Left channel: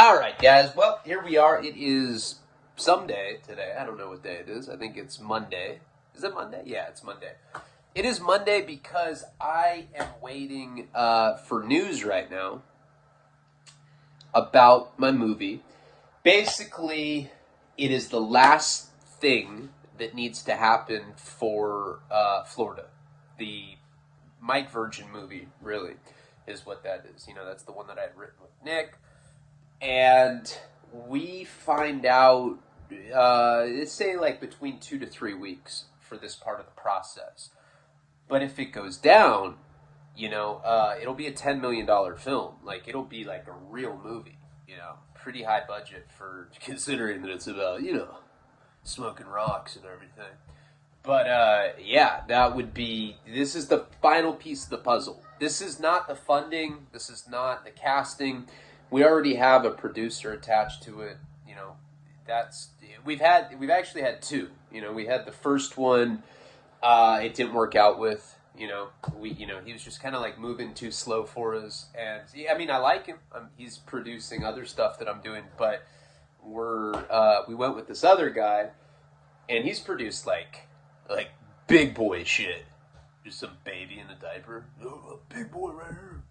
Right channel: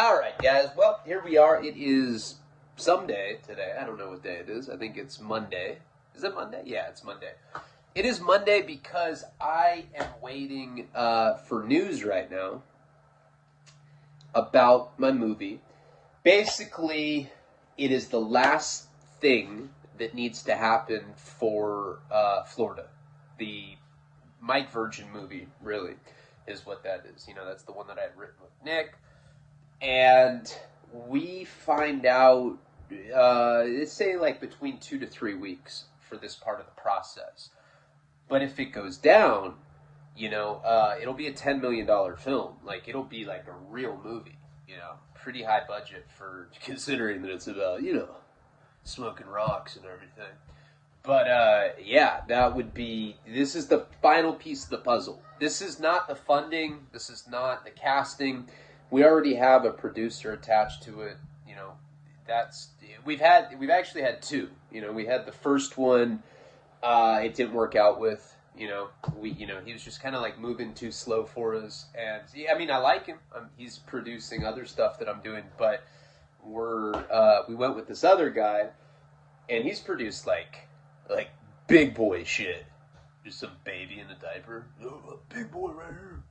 All right, guys. Well, here we are. It is someday today. I don't know what day it is. I think it's Monday. Is it Monday? Yeah, it's Monday. It is Monday because I am waiting for news right now about my movie. Basically, it is the last thing that needs to happen for Florida. The Mike Virgin movie, really, is what that is. You know, that's the one that I had written with Nick. And we find out, let's say like between 2 to 3 weeks for this part of the process. But if it goes down, you know, it'll be a $10 million film. Like, it'll be like a real movie, you know, pretty high budget for considering that it's about, you know, smoking rocks and everything. But, yeah, that would be, this is the final piece of the puzzle. This is not the funding. This is not the casting. We already have a producer attached to it. You know, we've actually had two. You know, we had the first one. It didn't work out with. You know, he was just kind of like moving too slow for us. And yeah, I mean, I like him. He's producing other stuff that I'm doing, but we went with this other guy, and he's produced like big boy shit. Just some baby in a diaper. Oh, a big boy right here.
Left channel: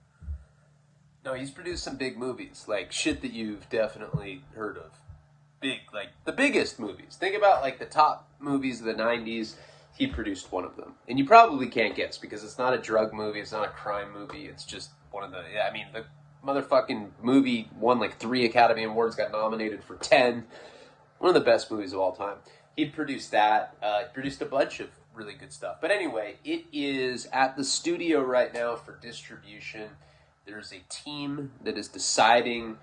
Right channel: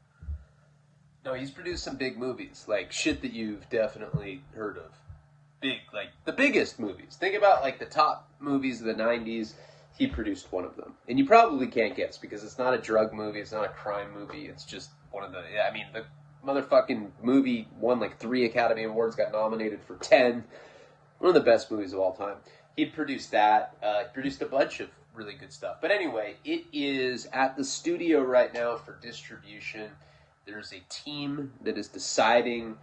No, he's produced some big movies, like shit that you've definitely heard of. Big, like the biggest movies. Think about like the top movies of the 90s. He produced one of them. And you probably can't guess because it's not a drug movie, it's not a crime movie, it's just one of the, I mean, the motherfucking movie won like 3 Academy Awards, got nominated for 10. One of the best movies of all time. He produced that, produced a bunch of really good stuff. But anyway, it is at the studio right now for distribution. There's a team that is deciding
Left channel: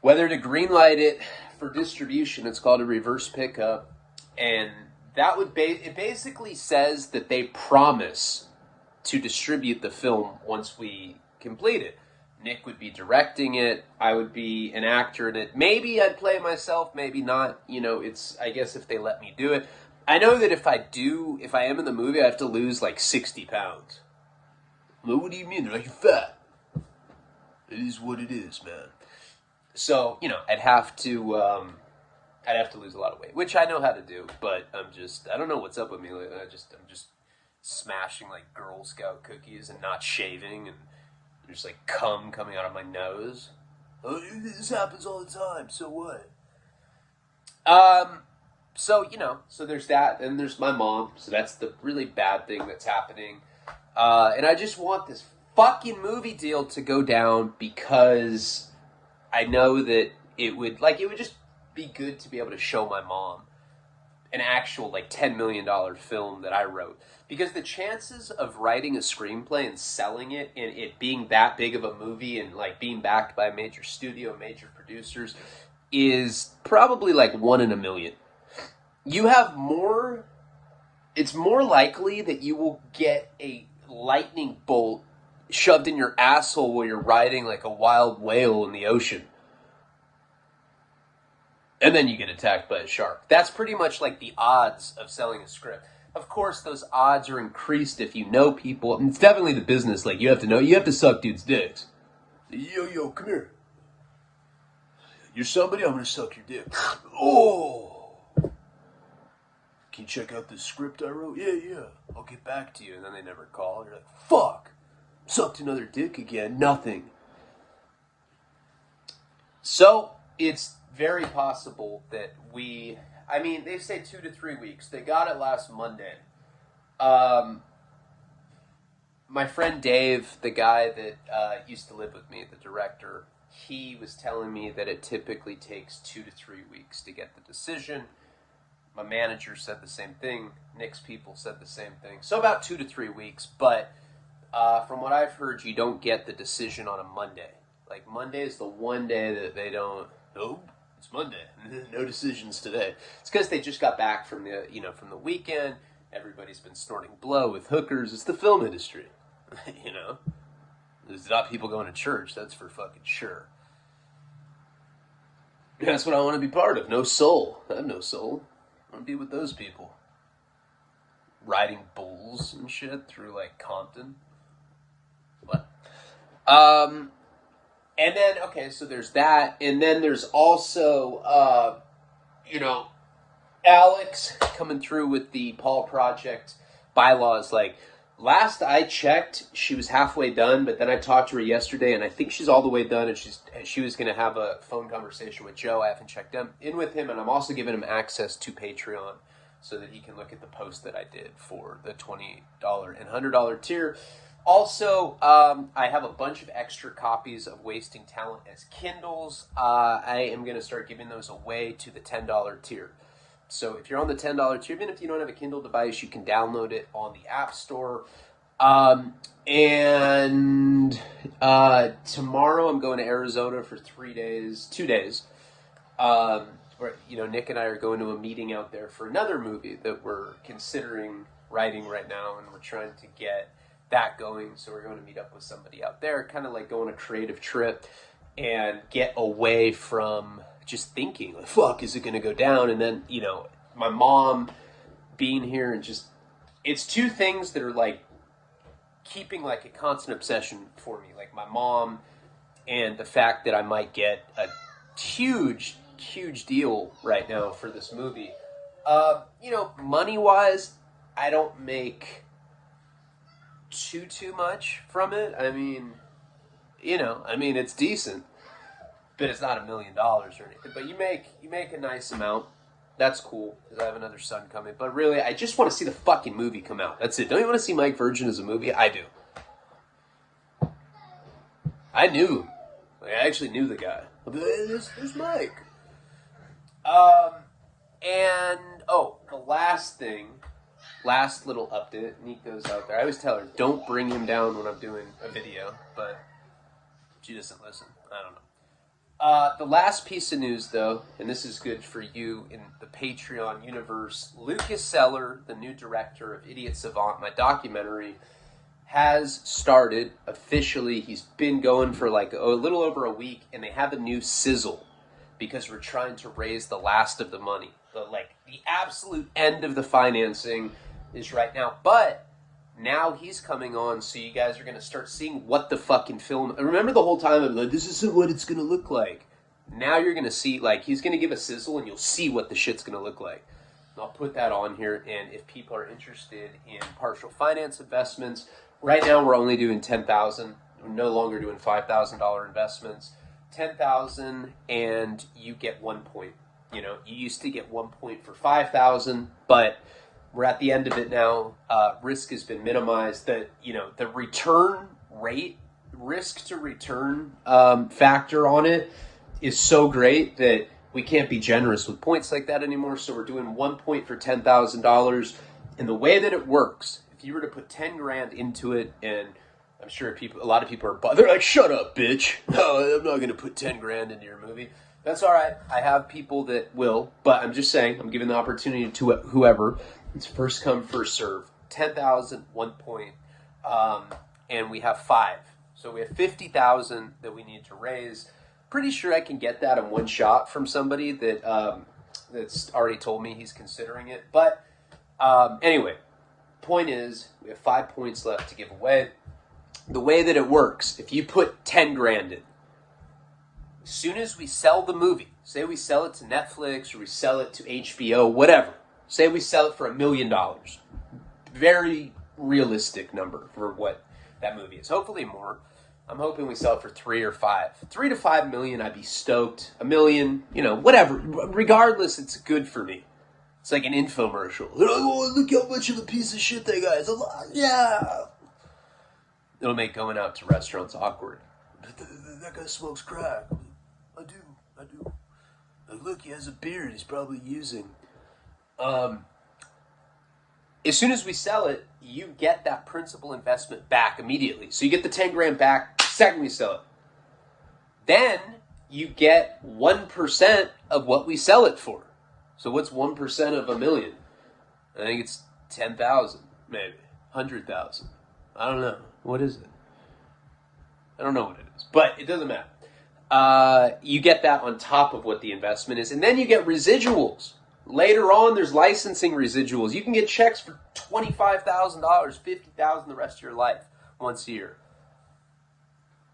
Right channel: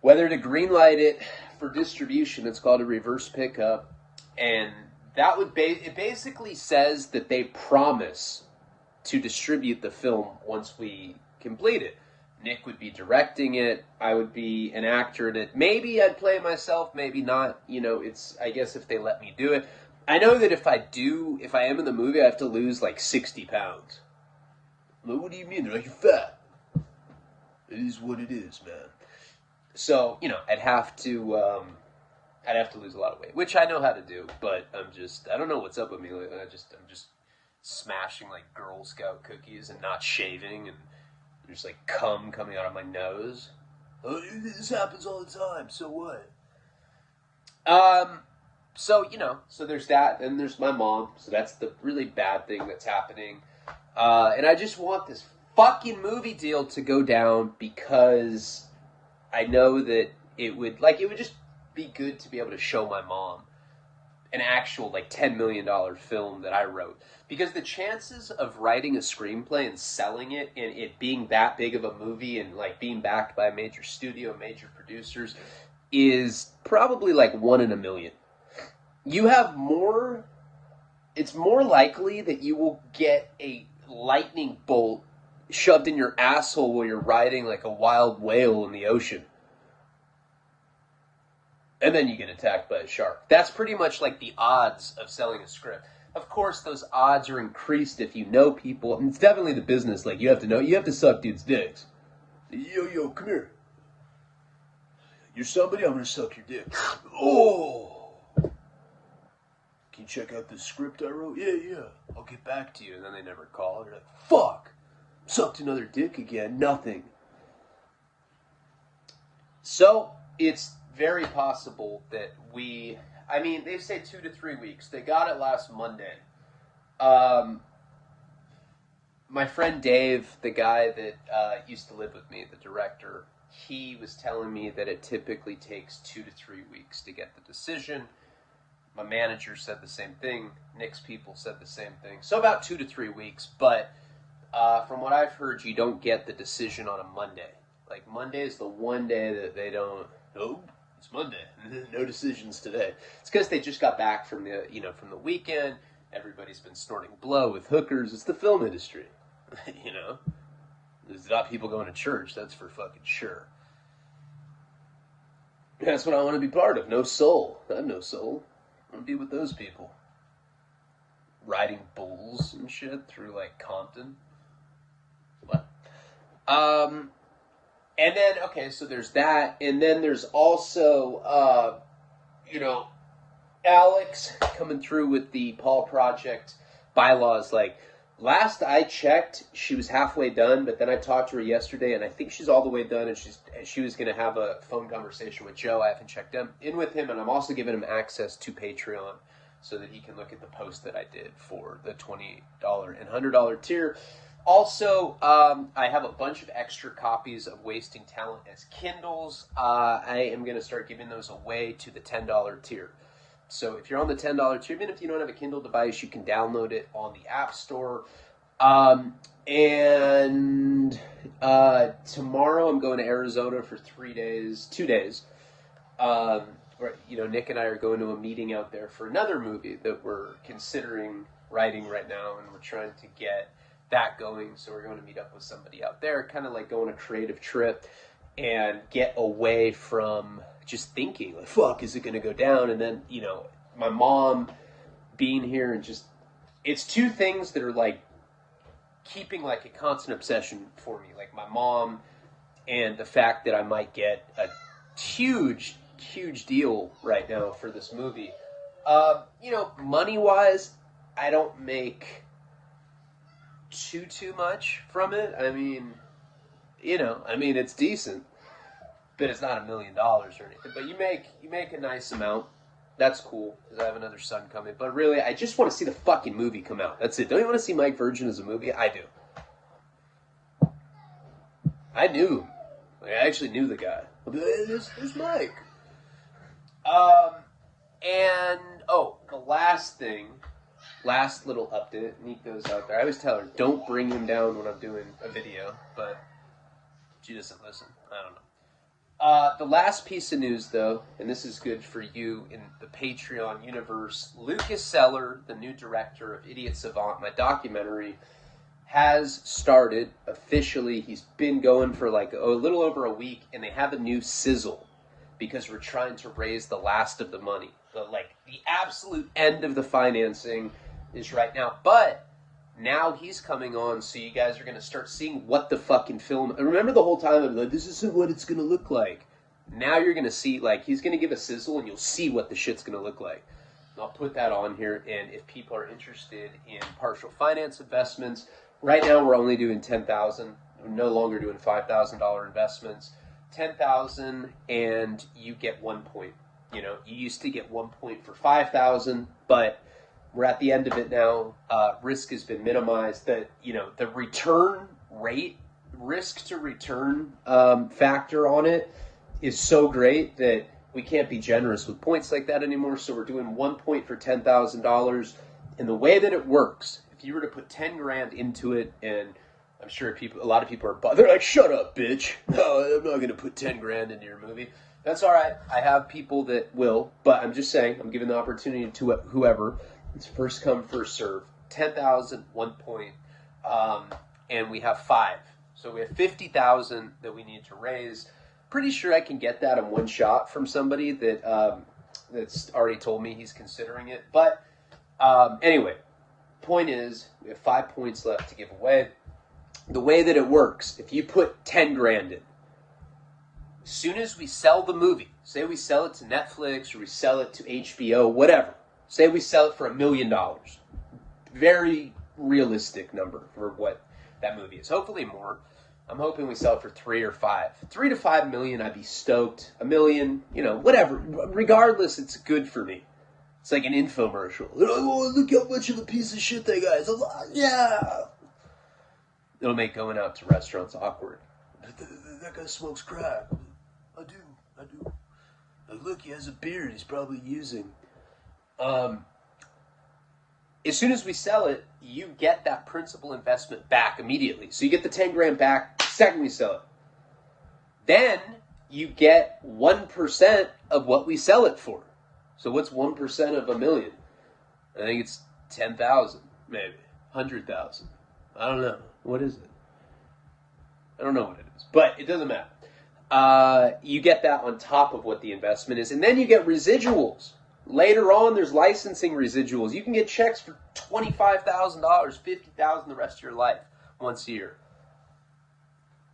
whether to greenlight it for distribution. It's called a reverse pickup. And that would it basically says that they promise to distribute the film once we complete it. Nick would be directing it. I would be an actor in it. Maybe I'd play myself, maybe not. You know, I guess if they let me do it. I know that if I am in the movie, I have to lose like 60 pounds. Well, what do you mean? They're like, you're fat. It is what it is, man. So, you know, I'd have to lose a lot of weight, which I know how to do, but I don't know what's up with me. I'm just smashing like Girl Scout cookies and not shaving, and there's like cum coming out of my nose. Oh, this happens all the time, so what? So, you know, so there's that, and there's my mom, so that's the really bad thing that's happening. And I just want this fucking movie deal to go down because I know that it would just be good to be able to show my mom an actual like $10 million film that I wrote, because the chances of writing a screenplay and selling it and it being that big of a movie and like being backed by a major studio, major producers, is probably like 1 in a million. It's more likely that you will get a lightning bolt shoved in your asshole while you're riding like a wild whale in the ocean. And then you get attacked by a shark. That's pretty much like the odds of selling a script. Of course, those odds are increased if you know people. And it's definitely the business. Like, you have to suck dudes' dicks. Yo, come here. You're somebody, I'm gonna suck your dick. Oh! Can you check out the script I wrote? Yeah. I'll get back to you. And then they never call. You're like, fuck! Sucked another dick again. Nothing. So, it's very possible that they say 2 to 3 weeks. They got it last Monday. My friend Dave, the guy that used to live with me, the director, he was telling me that it typically takes 2 to 3 weeks to get the decision. My manager said the same thing. Nick's people said the same thing. So about 2 to 3 weeks, but from what I've heard, you don't get the decision on a Monday. Like, Monday is the one day that they don't, it's Monday. No decisions today. It's because they just got back from the weekend. Everybody's been snorting blow with hookers. It's the film industry, you know. There's not people going to church. That's for fucking sure. That's what I want to be part of. No soul. I have no soul. I want to be with those people. Riding bulls and shit through like Compton. What? And then, okay, so there's that. And then there's also, you know, Alex coming through with the Paul Project bylaws. Like, last I checked, she was halfway done, but then I talked to her yesterday, and I think she's all the way done, and she was going to have a phone conversation with Joe. I haven't checked in with him, and I'm also giving him access to Patreon so that he can look at the post that I did for the $20 and $100 tier. Also, I have a bunch of extra copies of Wasting Talent as Kindles. I am going to start giving those away to the $10 tier. So if you're on the $10 tier, even if you don't have a Kindle device, you can download it on the App Store. And tomorrow I'm going to Arizona for 2 days. Where, you know, Nick and I are going to a meeting out there for another movie that we're considering writing right now, and we're trying to get that going. So we're going to meet up with somebody out there, kind of like go on a creative trip and get away from just thinking, like, fuck, is it going to go down? And then, you know, my mom being here, and just, it's two things that are like keeping like a constant obsession for me. Like my mom and the fact that I might get a huge deal right now for this movie. You know, money-wise, I don't make too much from it. I mean, you know, it's decent, but it's not $1 million or anything. But you make a nice amount. That's cool, because I have another son coming. But really, I just want to see the fucking movie come out. That's it. Don't you want to see Mike Virgin as a movie? I do. I knew him. Like, I actually knew the guy. There's Mike. And, the last little update. Nico's out there. I always tell her, don't bring him down when I'm doing a video, but she doesn't listen. I don't know. The last piece of news, though, and this is good for you in the Patreon universe, Lucas Seller, the new director of Idiot Savant, my documentary, has started officially. He's been going for like a little over a week, and they have a new sizzle because we're trying to raise the last of the money. The absolute end of the financing is right now. But now he's coming on, so you guys are going to start seeing what the fucking film... And remember the whole time I'm like, this isn't what it's going to look like. Now you're going to see, like, he's going to give a sizzle, and you'll see what the shit's going to look like. And I'll put that on here, and if people are interested in partial finance investments, right now we're only doing $10,000. We're no longer doing $5,000 investments. $10,000, and you get 1 point. You know, you used to get 1 point for $5,000, but we're at the end of it now. Risk has been minimized. The return rate, risk to return factor on it is so great that we can't be generous with points like that anymore. So we're doing 1 point for $10,000. And the way that it works, if you were to put 10 grand into it, and I'm sure a lot of people are, they're like, shut up, bitch. No, I'm not going to put 10 grand into your movie. That's all right. I have people that will, but I'm just saying, I'm giving the opportunity to whoever. It's first come, first serve. 10,000, 1 point, and we have 5. So we have 50,000 that we need to raise. Pretty sure I can get that in one shot from somebody that that's already told me he's considering it. But anyway, point is, we have 5 points left to give away. The way that it works, if you put 10 grand in, as soon as we sell the movie, say we sell it to Netflix or we sell it to HBO, whatever, say we sell it for $1 million. Very realistic number for what that movie is. Hopefully more. I'm hoping we sell it for 3 or 5. 3 to 5 million, I'd be stoked. $1 million, whatever. Regardless, it's good for me. It's like an infomercial. Oh, look how much of a piece of shit that guy is. Yeah. It'll make going out to restaurants awkward. That guy smokes crack. I do. Look, he has a beard. He's probably using. As soon as we sell it, you get that principal investment back immediately. So you get the 10 grand back the second we sell it. Then you get 1% of what we sell it for. So what's 1% of $1 million? I think it's 10,000, maybe 100,000. I don't know. What is it? I don't know what it is, but it doesn't matter. You get that on top of what the investment is, and then you get residuals. Later on, there's licensing residuals. You can get checks for $25,000, $50,000 the rest of your life once a year.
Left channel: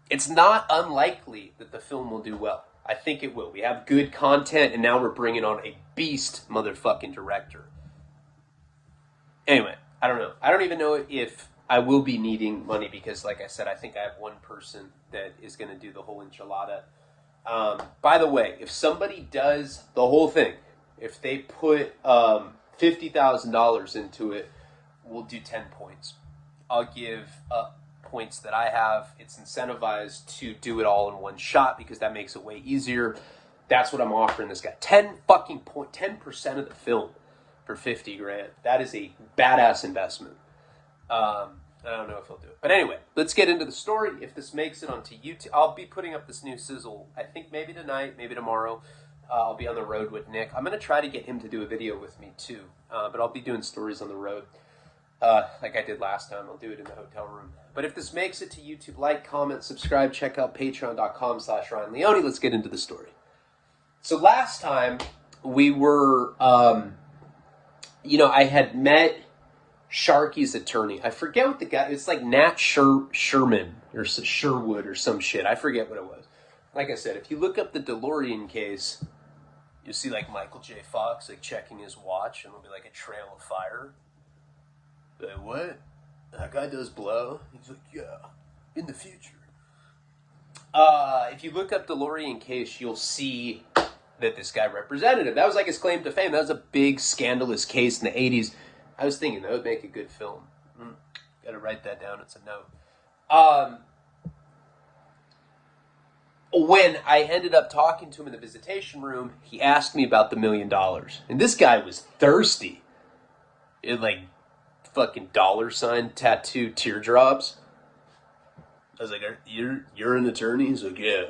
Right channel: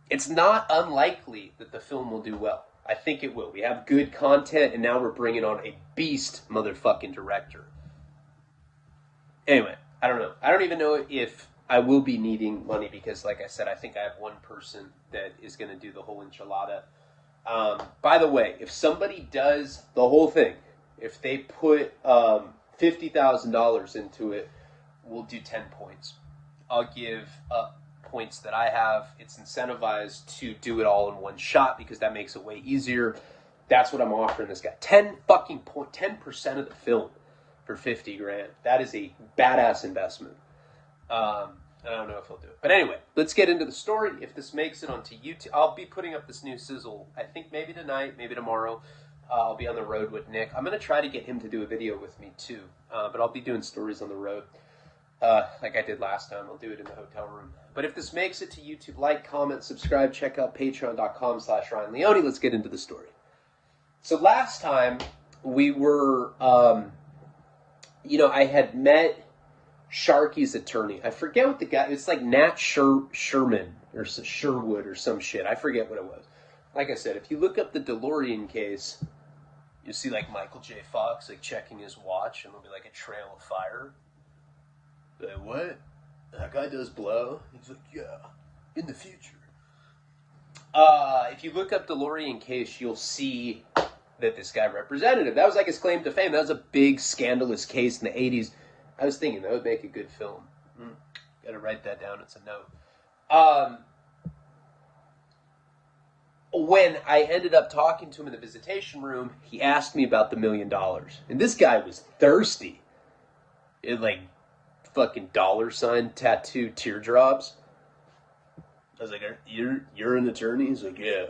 it's not unlikely that the film will do well. I think it will. We have good content, and now we're bringing on a beast motherfucking director. Anyway, I don't know. I don't even know if I will be needing money because, like I said, I think I have one person that is going to do the whole enchilada. By the way, if somebody does the whole thing, if they put $50,000 into it, we'll do 10 points. I'll give points that I have. It's incentivized to do it all in one shot because that makes it way easier. That's what I'm offering this guy. 10% of the film for 50 grand. That is a badass investment. I don't know if he'll do it. But anyway, let's get into the story. If this makes it onto YouTube, I'll be putting up this new sizzle, I think maybe tonight, maybe tomorrow. I'll be on the road with Nick. I'm going to try to get him to do a video with me too. But I'll be doing stories on the road. Like I did last time. I'll do it in the hotel room. But if this makes it to YouTube, like, comment, subscribe, check out patreon.com/Ryan Leone. Let's get into the story. So last time we were, I had met Sharky's attorney. I forget what the guy, it's like Nat Sherman or Sherwood or some shit. I forget what it was. Like I said, if you look up the DeLorean case, you'll see like Michael J. Fox like checking his watch and there'll be like a trail of fire. Like, what? That guy does blow? He's like, yeah, in the future. If you look up DeLorean case, you'll see that this guy represented him. That was like his claim to fame. That was a big scandalous case in the 80s. I was thinking that would make a good film. Gotta write that down. It's a note. When I ended up talking to him in the visitation room, he asked me about the $1 million. And this guy was thirsty. It like fucking $ tattoo teardrops. I was like, you're an attorney? He's like, yeah.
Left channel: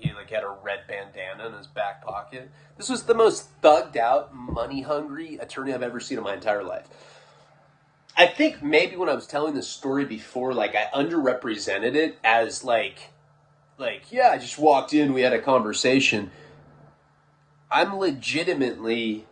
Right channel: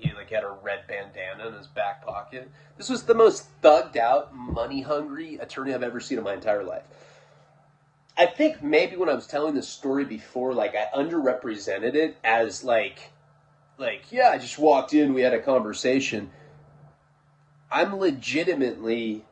He like had a red bandana in his back pocket. This was the most thugged out, money hungry attorney I've ever seen in my entire life. I think maybe when I was telling this story before, like I underrepresented it as like, yeah, I just walked in, we had a conversation. I'm legitimately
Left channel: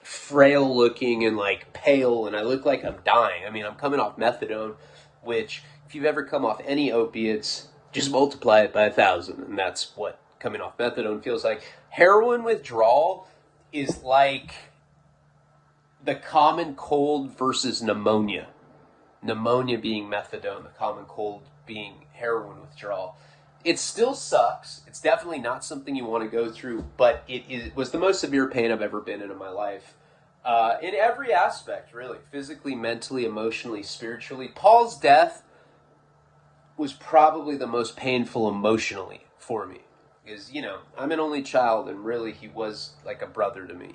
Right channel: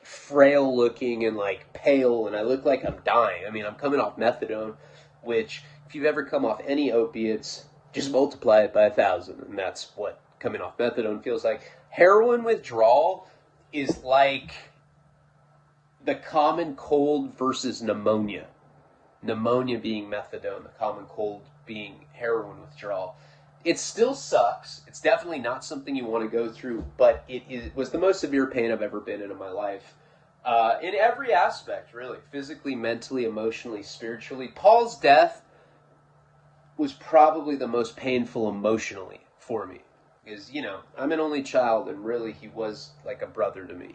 frail looking and like pale, and I look like I'm dying. I mean, I'm coming off methadone, which if you've ever come off any opiates, just multiply it by 1,000, and that's what coming off methadone feels like. Heroin withdrawal is like the common cold versus pneumonia. Pneumonia being methadone, the common cold being heroin withdrawal. It still sucks. It's definitely not something you want to go through, but it was the most severe pain I've ever been in my life. In every aspect, really. Physically, mentally, emotionally, spiritually. Paul's death was probably the most painful emotionally for me. Because, I'm an only child, and really he was like a brother to me,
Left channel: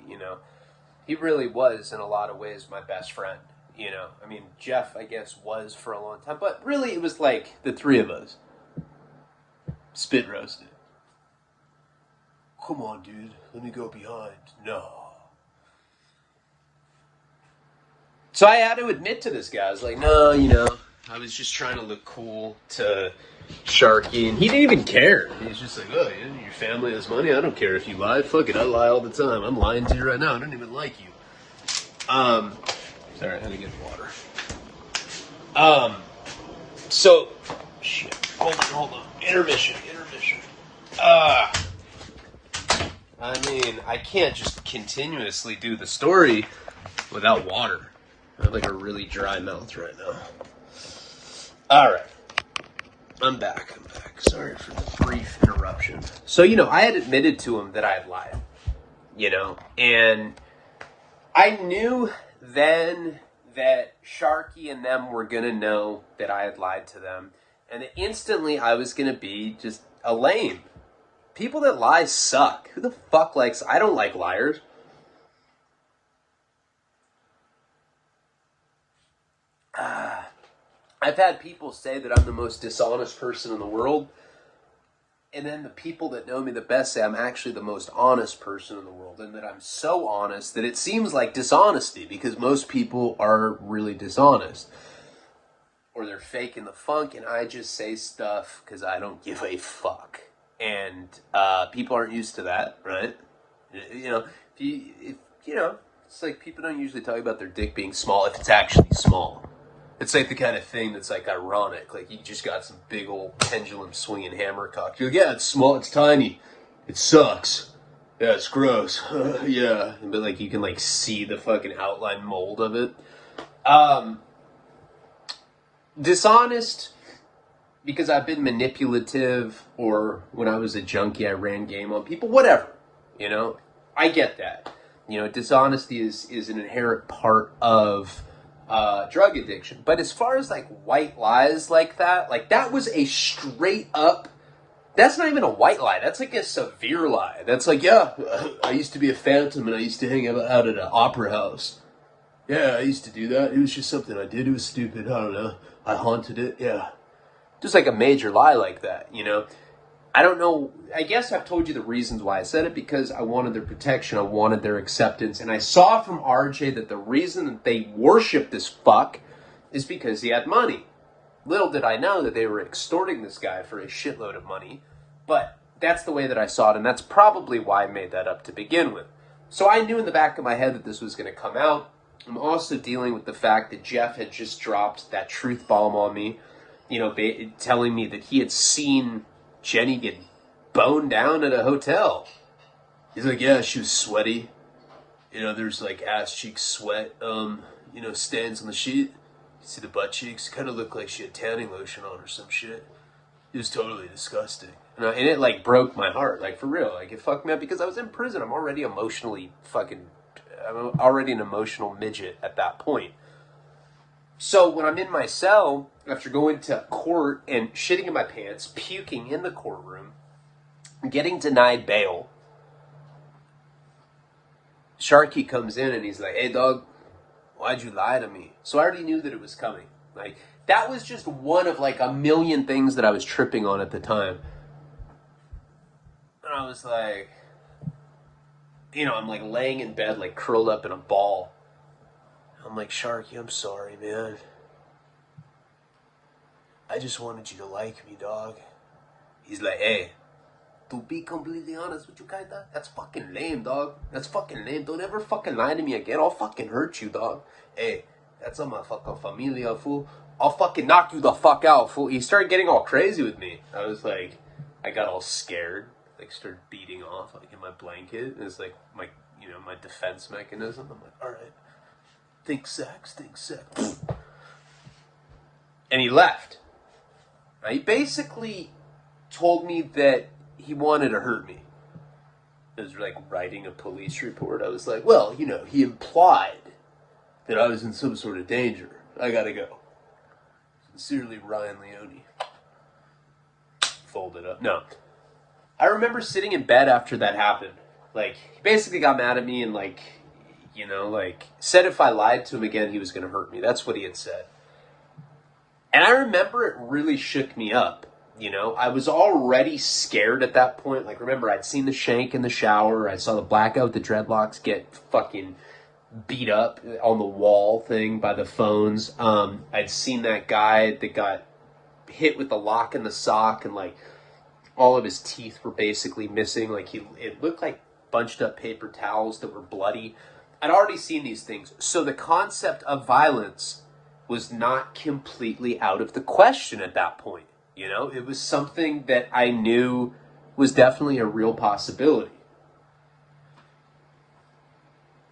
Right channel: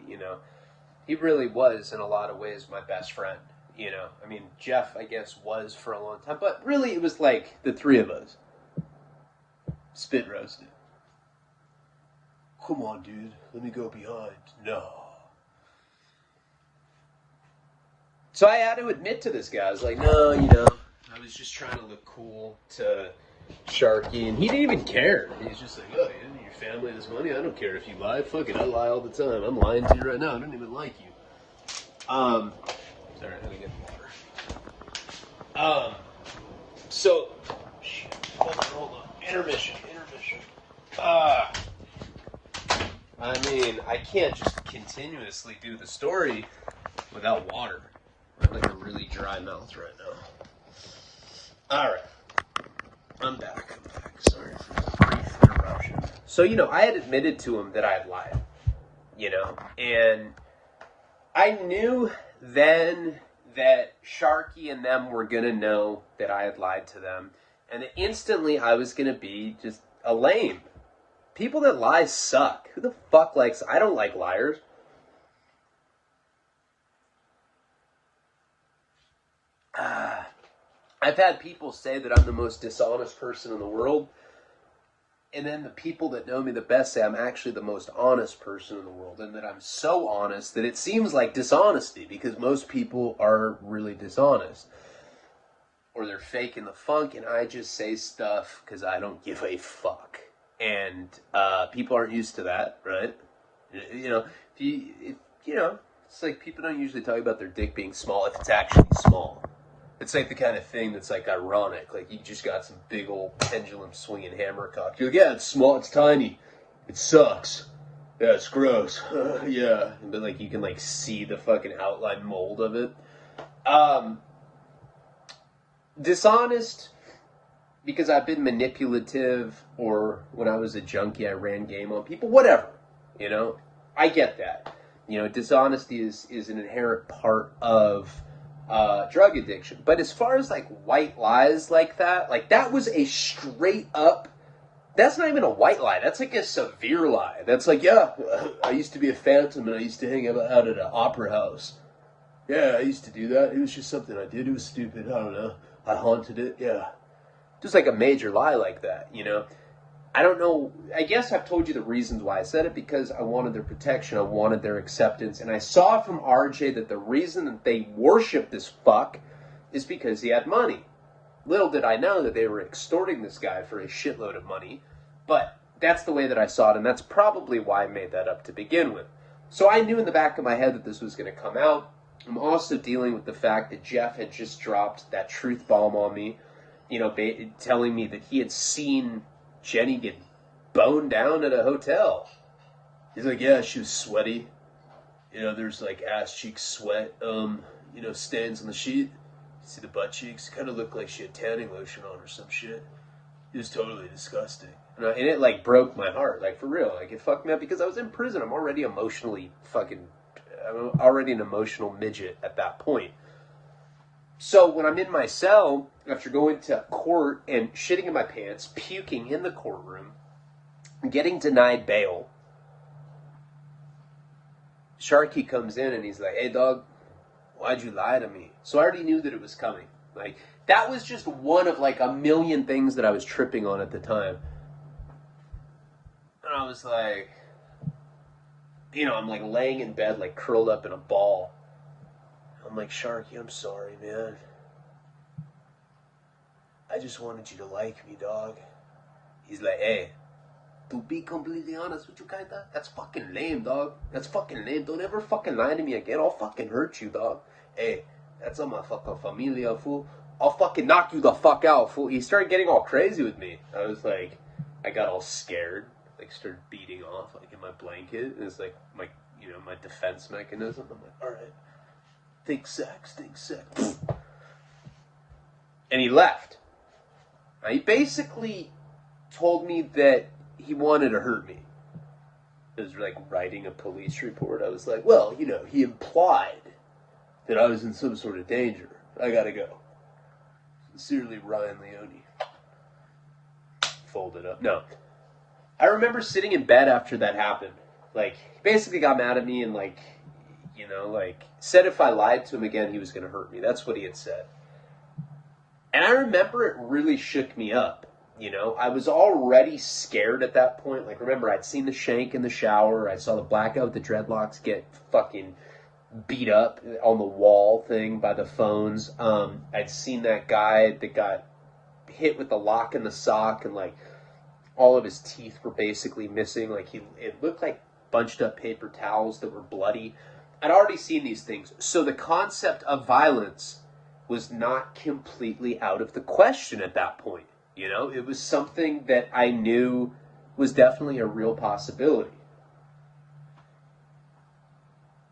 He really was, in a lot of ways, my best friend, I mean, Jeff, I guess, was for a long time, but really it was like the three of us. Spit roasted. Come on, dude, let me go behind. No. So I had to admit to this guy, I was like, no, I was just trying to look cool to Sharky, and he didn't even care. He's just like, oh, yeah, your family has money? I don't care if you lie. Fuck it, I lie all the time. I'm lying to you right now. I don't even like you. Sorry, I had to get water. So, shit, hold on. Intermission. I mean, I can't just continuously do the story without water. I have like a really dry mouth right now. Alright. I'm back. Sorry for the brief interruption. So, I had admitted to him that I had lied. And I knew then that Sharky and them were going to know that I had lied to them. And instantly I was going to be just a lame. People that lie suck. Who the fuck likes... I don't like liars. I've had people say that I'm the most dishonest person in the world. And then the people that know me the best say I'm actually the most honest person in the world. And that I'm so honest that it seems like dishonesty. Because most people are really dishonest. Or they're faking the funk. And I just say stuff because I don't give a fuck. And people aren't used to that, right? It's like people don't usually talk about their dick being small if it's actually small. It's like the kind of thing that's like ironic. Like you just got some big old pendulum swinging hammer cock. You're like, yeah, it's small, it's tiny, it sucks. Yeah, it's gross. Yeah, but like you can like see the fucking outline mold of it. Dishonest because I've been manipulative, or when I was a junkie, I ran game on people. Whatever, you know, I get that. You know, dishonesty is an inherent part of drug addiction. But as far as like white lies like that was a straight up. That's not even a white lie. That's like a severe lie. That's like, yeah, I used to be a phantom and I used to hang out at an opera house. Yeah, I used to do that. It was just something I did. It was stupid. I don't know. I haunted it. Yeah. Just like a major lie like that, you know? I don't know. I guess I've told you the reasons why I said it, because I wanted their protection. I wanted their acceptance. And I saw from RJ that the reason that they worship this fuck is because he had money. Little did I know that they were extorting this guy for a shitload of money. But that's the way that I saw it, and that's probably why I made that up to begin with. So I knew in the back of my head that this was going to come out. I'm also dealing with the fact that Jeff had just dropped that truth bomb on me, you know, telling me that he had seen Jenny get boned down at a hotel. He's like, yeah, she was sweaty. You know, there's like ass cheek sweat, you know, stains on the sheet. You see the butt cheeks? Kind of looked like she had tanning lotion on or some shit. It was totally disgusting. And it like broke my heart, like for real. Like it fucked me up because I was in prison. I'm already I'm already an emotional midget at that point. So when I'm in my cell, after going to court and shitting in my pants, puking in the courtroom, getting denied bail, Sharky comes in and he's like, hey dog, why'd you lie to me? So I already knew that it was coming. Like that was just one of like a million things that I was tripping on at the time. And I was like, you know, I'm like laying in bed, like curled up in a ball. I'm like, Sharky, I'm sorry, man. I just wanted you to like me, dog. He's like, hey, to be completely honest with you, kinda, that's fucking lame, dog. That's fucking lame. Don't ever fucking lie to me again. I'll fucking hurt you, dog. Hey, that's on my fucking familia, fool. I'll fucking knock you the fuck out, fool. He started getting all crazy with me. I was like, I got all scared. Like, started beating off, like, in my blanket. It's like, my, you know, my defense mechanism. I'm like, all right. Think sex. And he left. He basically told me that he wanted to hurt me. It was like writing a police report. I was like, well, you know, he implied that I was in some sort of danger. I gotta go. Sincerely, Ryan Leone. Fold it up. No. I remember sitting in bed after that happened. Like, he basically got mad at me and, like, you know, like, said if I lied to him again, he was going to hurt me. That's what he had said. And I remember it really shook me up, you know. I was already scared at that point. Like, remember, I'd seen the shank in the shower. I saw the blackout, the dreadlocks get fucking beat up on the wall thing by the phones. I'd seen that guy that got hit with the lock in the sock, and, like, all of his teeth were basically missing. Like, it looked like bunched up paper towels that were bloody. I'd already seen these things. So the concept of violence was not completely out of the question at that point. You know, it was something that I knew was definitely a real possibility.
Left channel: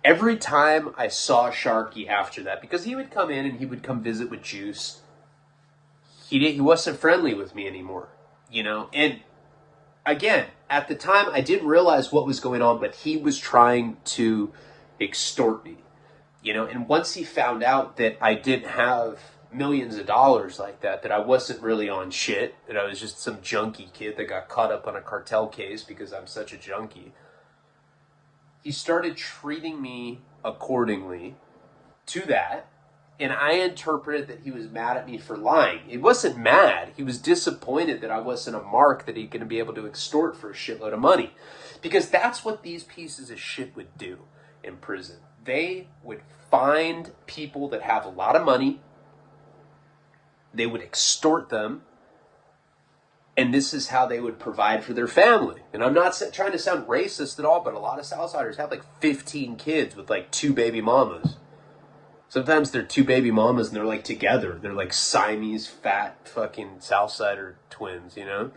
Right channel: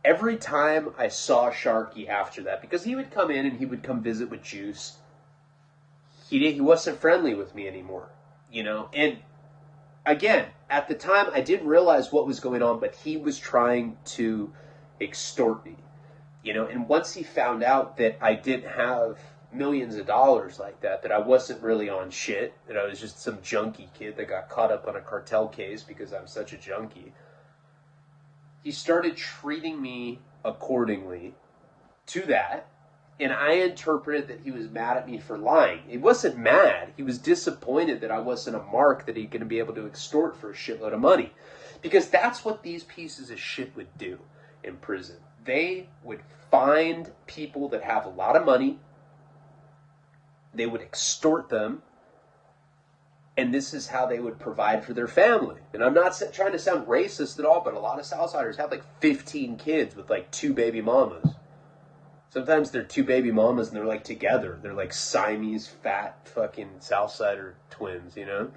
Every time I saw Sharky after that, because he would come in and he would come visit with Juice, he wasn't friendly with me anymore, you know? And again, at the time, I didn't realize what was going on, but he was trying to extort me, you know? And once he found out that I didn't have millions of dollars like that I wasn't really on shit, that I was just some junkie kid that got caught up on a cartel case because I'm such a junkie, he started treating me accordingly to that. And I interpreted that he was mad at me for lying. He wasn't mad. He was disappointed that I wasn't a mark that he could be able to extort for a shitload of money. Because that's what these pieces of shit would do in prison. They would find people that have a lot of money. They would extort them. And this is how they would provide for their family. And I'm not trying to sound racist at all, but a lot of Southsiders have like 15 kids with like 2 baby mamas. Sometimes they're two baby mamas and they're like together. They're like Siamese fat fucking Southsider twins, you know?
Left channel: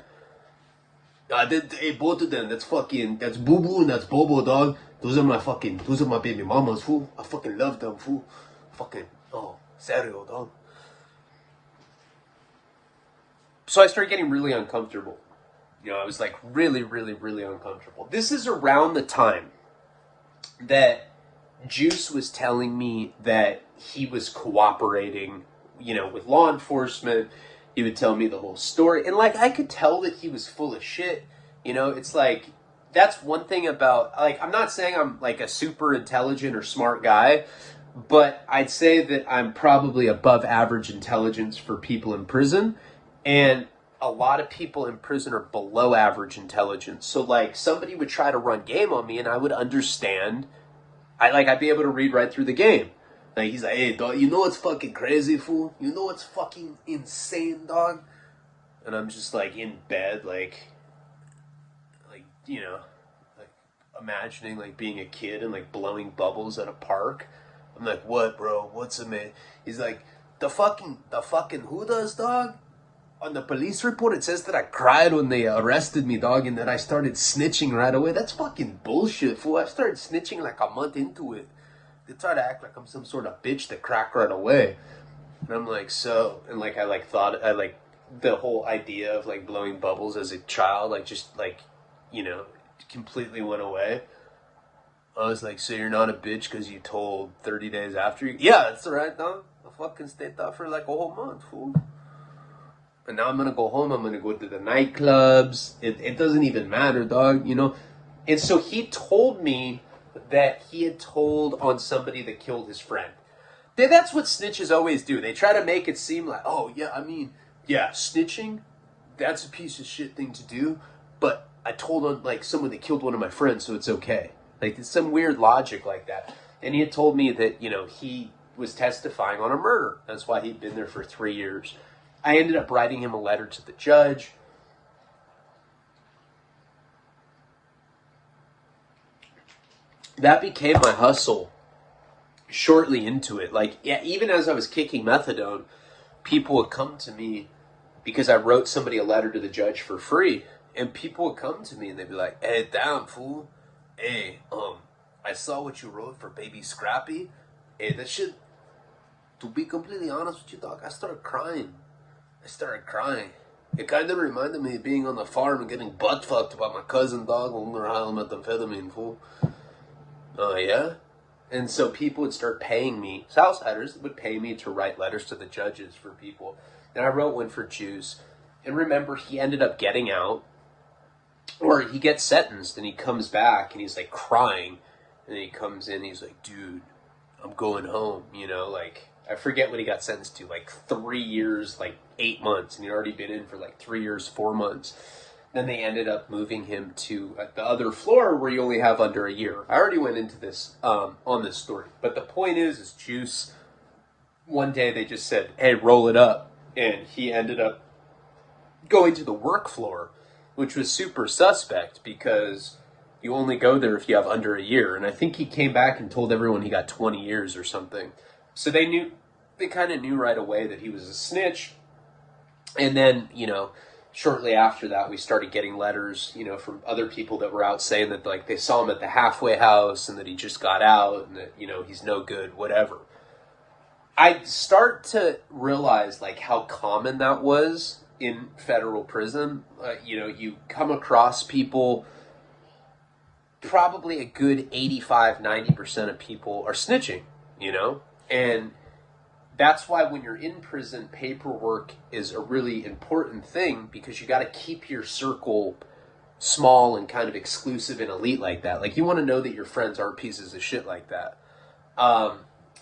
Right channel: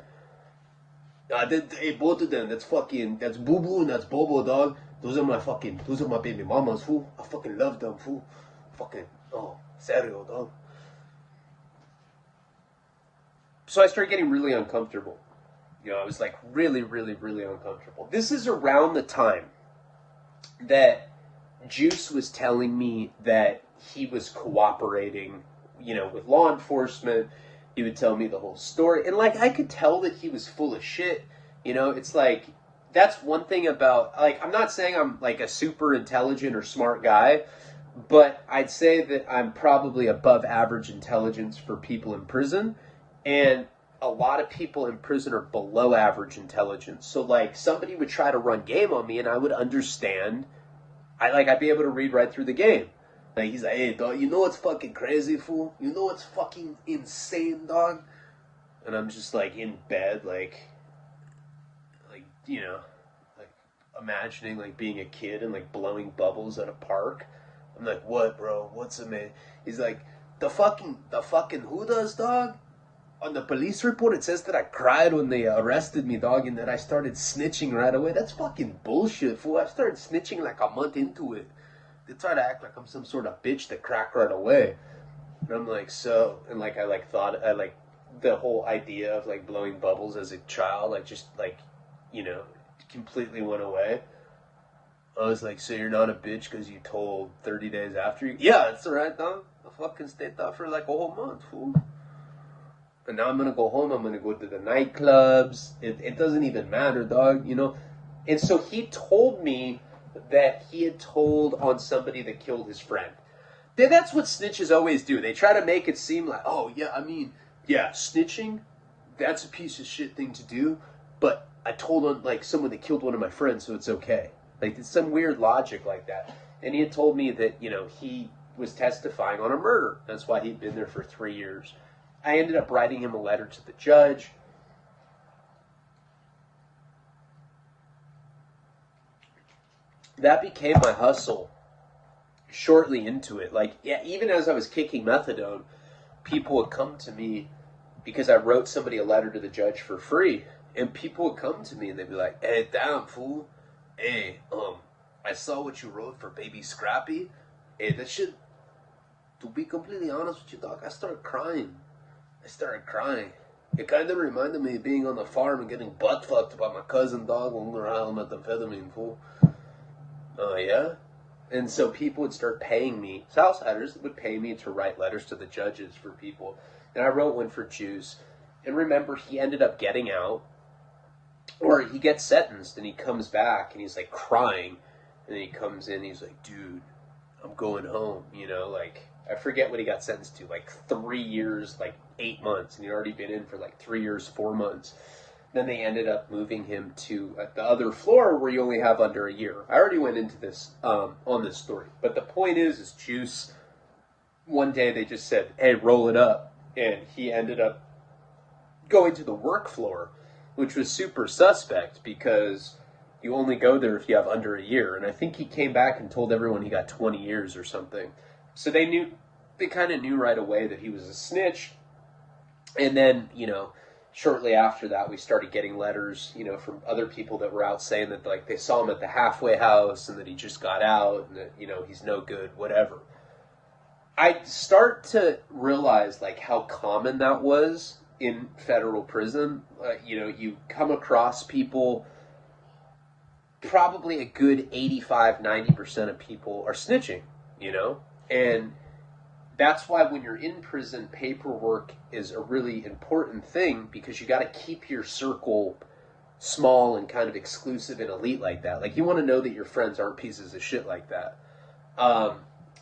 Hey, both of them, that's Boo Boo and that's Bobo, dog. Those are my baby mamas, fool. I fucking love them, fool. Fucking, oh, serio, dog. So I started getting really uncomfortable. You know, I was like really, really, really uncomfortable. This is around the time that Juice was telling me that he was cooperating, you know, with law enforcement. He would tell me the whole story. And, like, I could tell that he was full of shit. You know, it's like, that's one thing about, like, I'm not saying I'm, like, a super intelligent or smart guy, but I'd say that I'm probably above average intelligence for people in prison. And a lot of people in prison are below average intelligence. So, like, somebody would try to run game on me and I would understand. I'd be able to read right through the game. Like, he's like, hey, dog, you know what's fucking crazy, fool? You know what's fucking insane, dog? And I'm just, like, in bed, like, you know, like, imagining, like, being a kid and, like, blowing bubbles at a park. I'm like, what, bro? What's a man? He's like, the fucking who does, dog? On the police report, it says that I cried when they arrested me, dog, and that I started snitching right away. That's fucking bullshit, fool. I started snitching like a month into it. They try to act like I'm some sort of bitch that cracked right away. And I'm like, so, and like, I the whole idea of like blowing bubbles as a child, like just like, you know, completely went away. I was like, so you're not a bitch because you told 30 days after you? Yeah, that's all right, dog. I fucking stayed there for like a whole month, fool. And now I'm going to go home. I'm going to go to the nightclubs. It doesn't even matter, dog, you know? And so he told me that he had told on somebody that killed his friend. That's what snitches always do. They try to make it seem like, oh, yeah, I mean, yeah, snitching, that's a piece of shit thing to do. But I told on, like, someone that killed one of my friends, so it's okay. Like, it's some weird logic like that. And he had told me that, you know, he was testifying on a murder. That's why he'd been there for 3 years. I ended up writing him a letter to the judge. That became my hustle shortly into it. Like, yeah, even as I was kicking methadone, people would come to me because I wrote somebody a letter to the judge for free. And people would come to me and they'd be like, hey, damn, fool. Hey, I saw what you wrote for Baby Scrappy. Hey, that shit, to be completely honest with you, dog, I started crying. It kind of reminded me of being on the farm and getting butt fucked by my cousin, dog, when we were high on methamphetamine, fool. Oh, yeah? And so people would start paying me, Southsiders would pay me to write letters to the judges for people. And I wrote one for Juice. And remember, he ended up getting out, or he gets sentenced, and he comes back, and he's, like, crying. And then he comes in, and he's like, dude, I'm going home, you know, like, I forget what he got sentenced to, like 3 years, like 8 months, and he'd already been in for like 3 years, 4 months. Then they ended up moving him to the other floor where you only have under a year. I already went into this on this story, but the point is Juice, one day they just said, hey, roll it up, and he ended up going to the work floor, which was super suspect because you only go there if you have under a year, and I think he came back and told everyone he got 20 years or something. So they kind of knew right away that he was a snitch. And then, you know, shortly after that, we started getting letters, you know, from other people that were out saying that, like, they saw him at the halfway house and that he just got out and that, you know, he's no good, whatever. I start to realize, like, how common that was in federal prison. You know, you come across people, probably a good 85-90% of people are snitching, you know? And that's why when you're in prison, paperwork is a really important thing because you got to keep your circle small and kind of exclusive and elite like that. Like, you want to know that your friends aren't pieces of shit like that.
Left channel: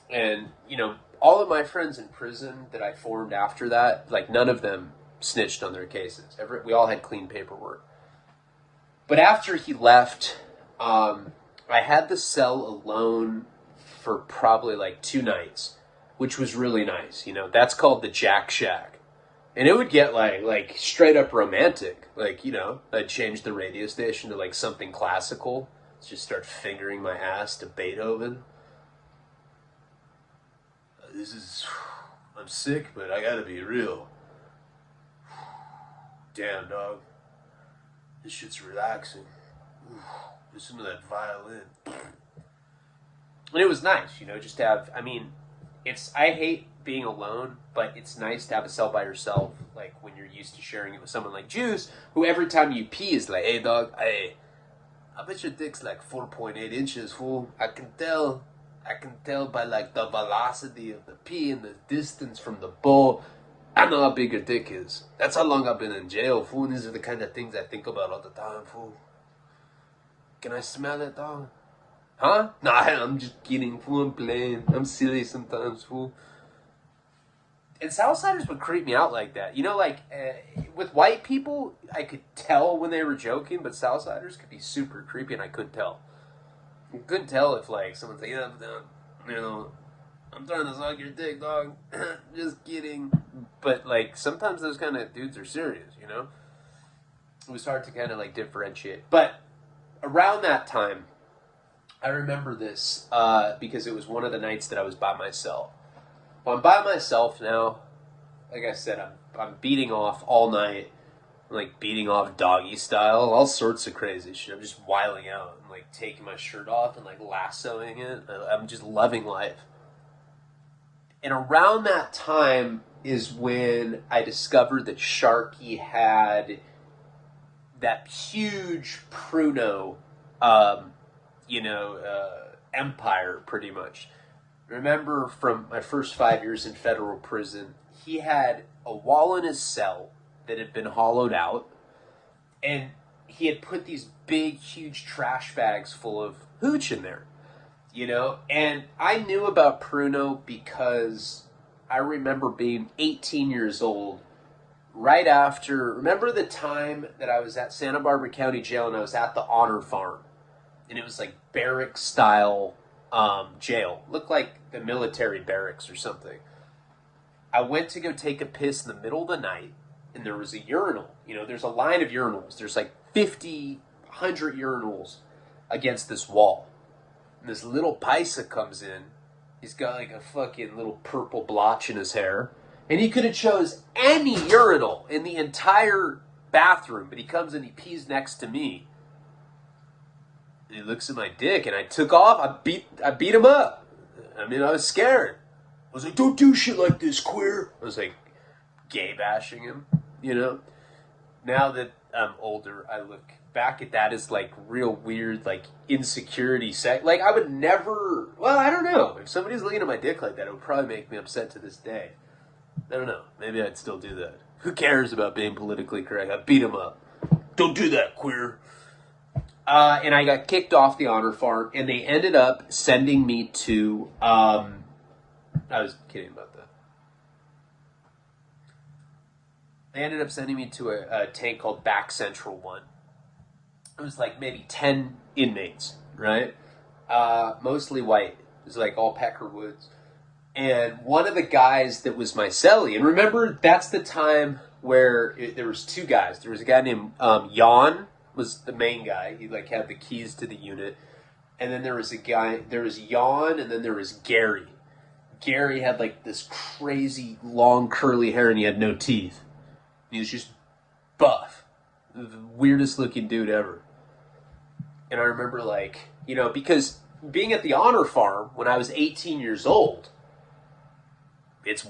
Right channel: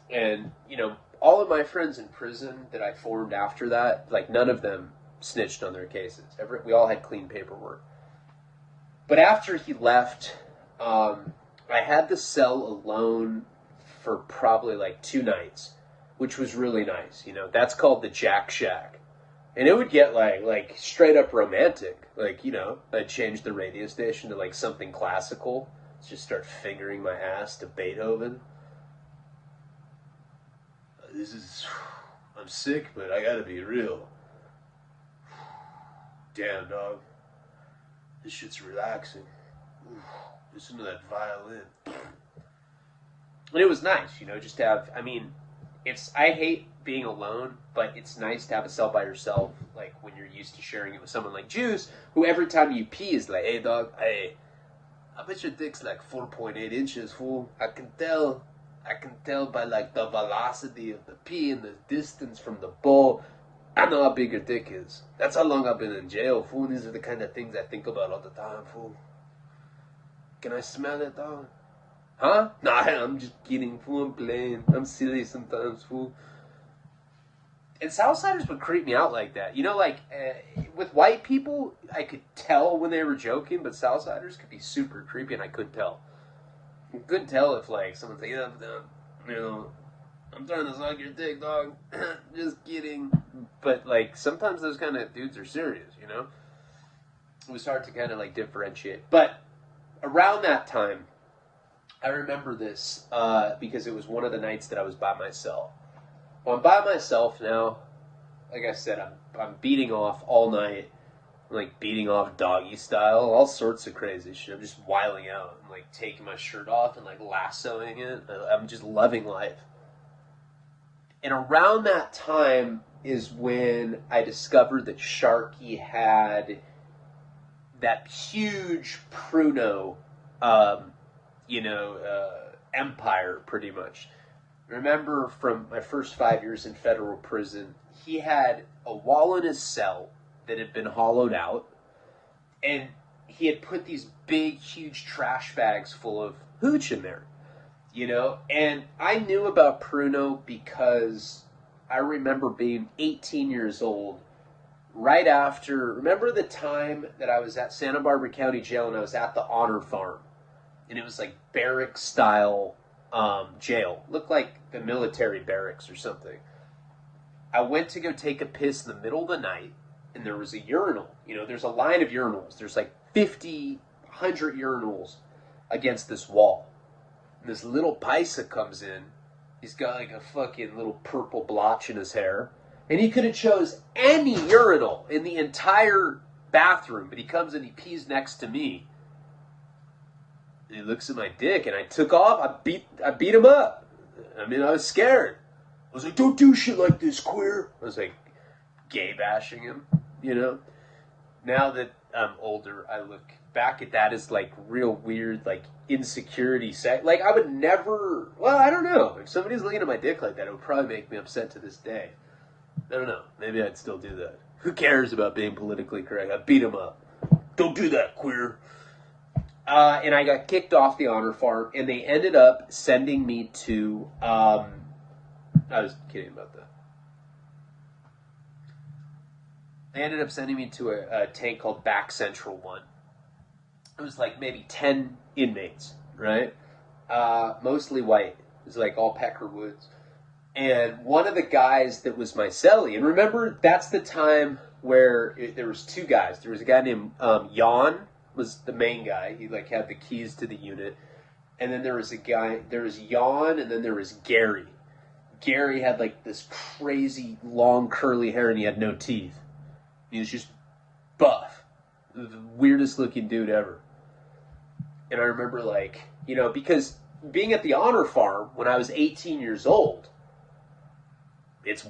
And, you know, all of my friends in prison that I formed after that, like, none of them snitched on their cases. We all had clean paperwork. But after he left, I had the cell alone for probably like 2 nights, which was really nice. You know, that's called the Jack Shack. And it would get like straight up romantic. Like, you know, I'd change the radio station to like something classical. Just start fingering my ass to Beethoven. I'm sick, but I gotta be real. Damn, dog. This shit's relaxing. Listen to that violin. And it was nice, just to have, I hate being alone, but it's nice to have a cell by yourself, like when you're used to sharing it with someone like Juice, who every time you pee is like, hey dog, I bet your dick's like 4.8 inches, fool. I can tell by like the velocity of the pee and the distance from the bowl. I know how big your dick is. That's how long I've been in jail, fool. And these are the kind of things I think about all the time, fool. Can I smell it, dog? Huh? Nah, I'm just kidding, fool. I'm playing. I'm silly sometimes, fool. And Southsiders would creep me out like that. With white people, I could tell when they were joking, but Southsiders could be super creepy, and I couldn't tell. I couldn't tell if, like, someone's like, I'm trying to suck your dick, dog. Just kidding. But, like, sometimes those kind of dudes are serious, It was hard to kind of, like, differentiate. But around that time, I remember this because it was one of the nights that I was by myself. Well, I'm by myself now. Like I said, I'm beating off all night. Like, beating off doggy style. All sorts of crazy shit. I'm just wiling out. I'm, like, taking my shirt off and, like, lassoing it. I'm just loving life. And around that time is when I discovered that Sharky had that huge pruno, empire, pretty much. Remember from my first 5 years in federal prison, he had a wall in his cell that had been hollowed out, and he had put these big, huge trash bags full of hooch in there, And I knew about pruno because I remember being 18 years old, right after, remember the time that I was at Santa Barbara County Jail and I was at the Honor Farm, and it was like barrack style jail. Looked like the military barracks or something. I went to go take a piss in the middle of the night, and there was a urinal. There's a line of urinals. There's like 50, 100 urinals against this wall. And this little paisa comes in. He's got like a fucking little purple blotch in his hair. And he could have chose any urinal in the entire bathroom, but he comes and he pees next to me. And he looks at my dick, and I took off. I beat him up. I was scared. I was like, don't do shit like this, queer. I was like, gay bashing him, Now that I'm older, I look back at that as like real weird, like insecurity Like I would never, I don't know. If somebody's looking at my dick like that, it would probably make me upset to this day. I don't know. Maybe I'd still do that. Who cares about being politically correct? I beat him up. Don't do that, queer. And I got kicked off the Honor Farm, and they ended up sending me to, I was kidding about that. They ended up sending me to a tank called Back Central 1. It was like maybe 10 inmates, right? Mostly white. It was like all Peckerwoods. And one of the guys that was my cellie, and remember, that's the time where there was two guys. There was a guy named Jan, was the main guy. He like had the keys to the unit. And then there was Jan, and then there was Gary. Gary had like this crazy long curly hair, and he had no teeth. He was just buff. The weirdest looking dude ever. And I remember like, because being at the Honor Farm when I was 18 years old, it's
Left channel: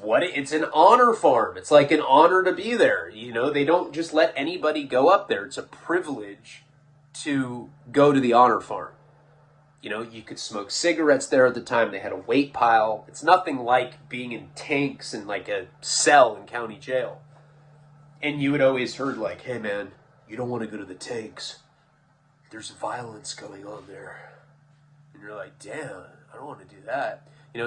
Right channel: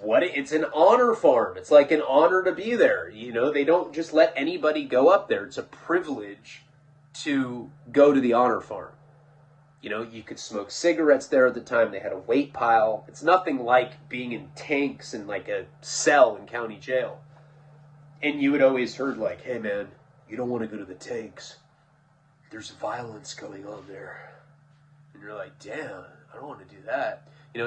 an honor farm. It's like an honor to be there. They don't just let anybody go up there. It's a privilege to go to the Honor Farm. You could smoke cigarettes there at the time. They had a weight pile. It's nothing like being in tanks in like a cell in county jail. And you had always heard like, hey man, you don't want to go to the tanks. There's violence going on there. And you're like, damn, I don't want to do that.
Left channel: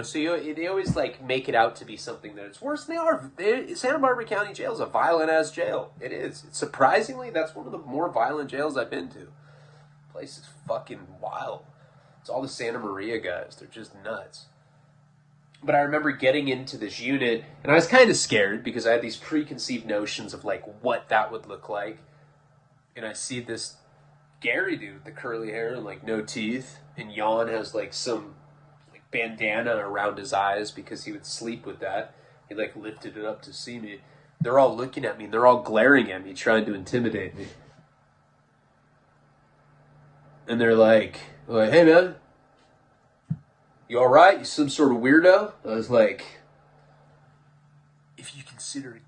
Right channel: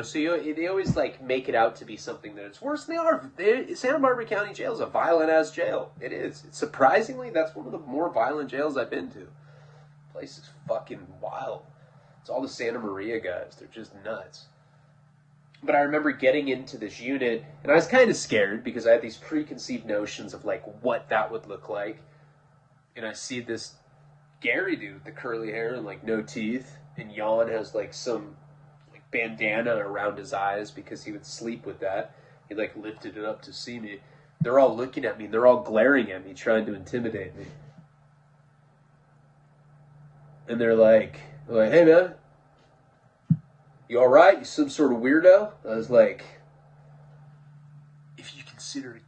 So they always like make it out to be something that it's worse than they are. Santa Barbara County Jail is a violent ass jail. It is. Surprisingly, that's one of the more violent jails I've been to. The place is fucking wild. It's all the Santa Maria guys. They're just nuts. But I remember getting into this unit, and I was kind of scared because I had these preconceived notions of like what that would look like. And I see this Gary dude with the curly hair and like no teeth, and Jan has like some bandana around his eyes because he would sleep with that. He like lifted it up to see me. They're all looking at me. They're all glaring at me, trying to intimidate me. And they're like, hey man, you all right? You some sort of weirdo? I was like, if you consider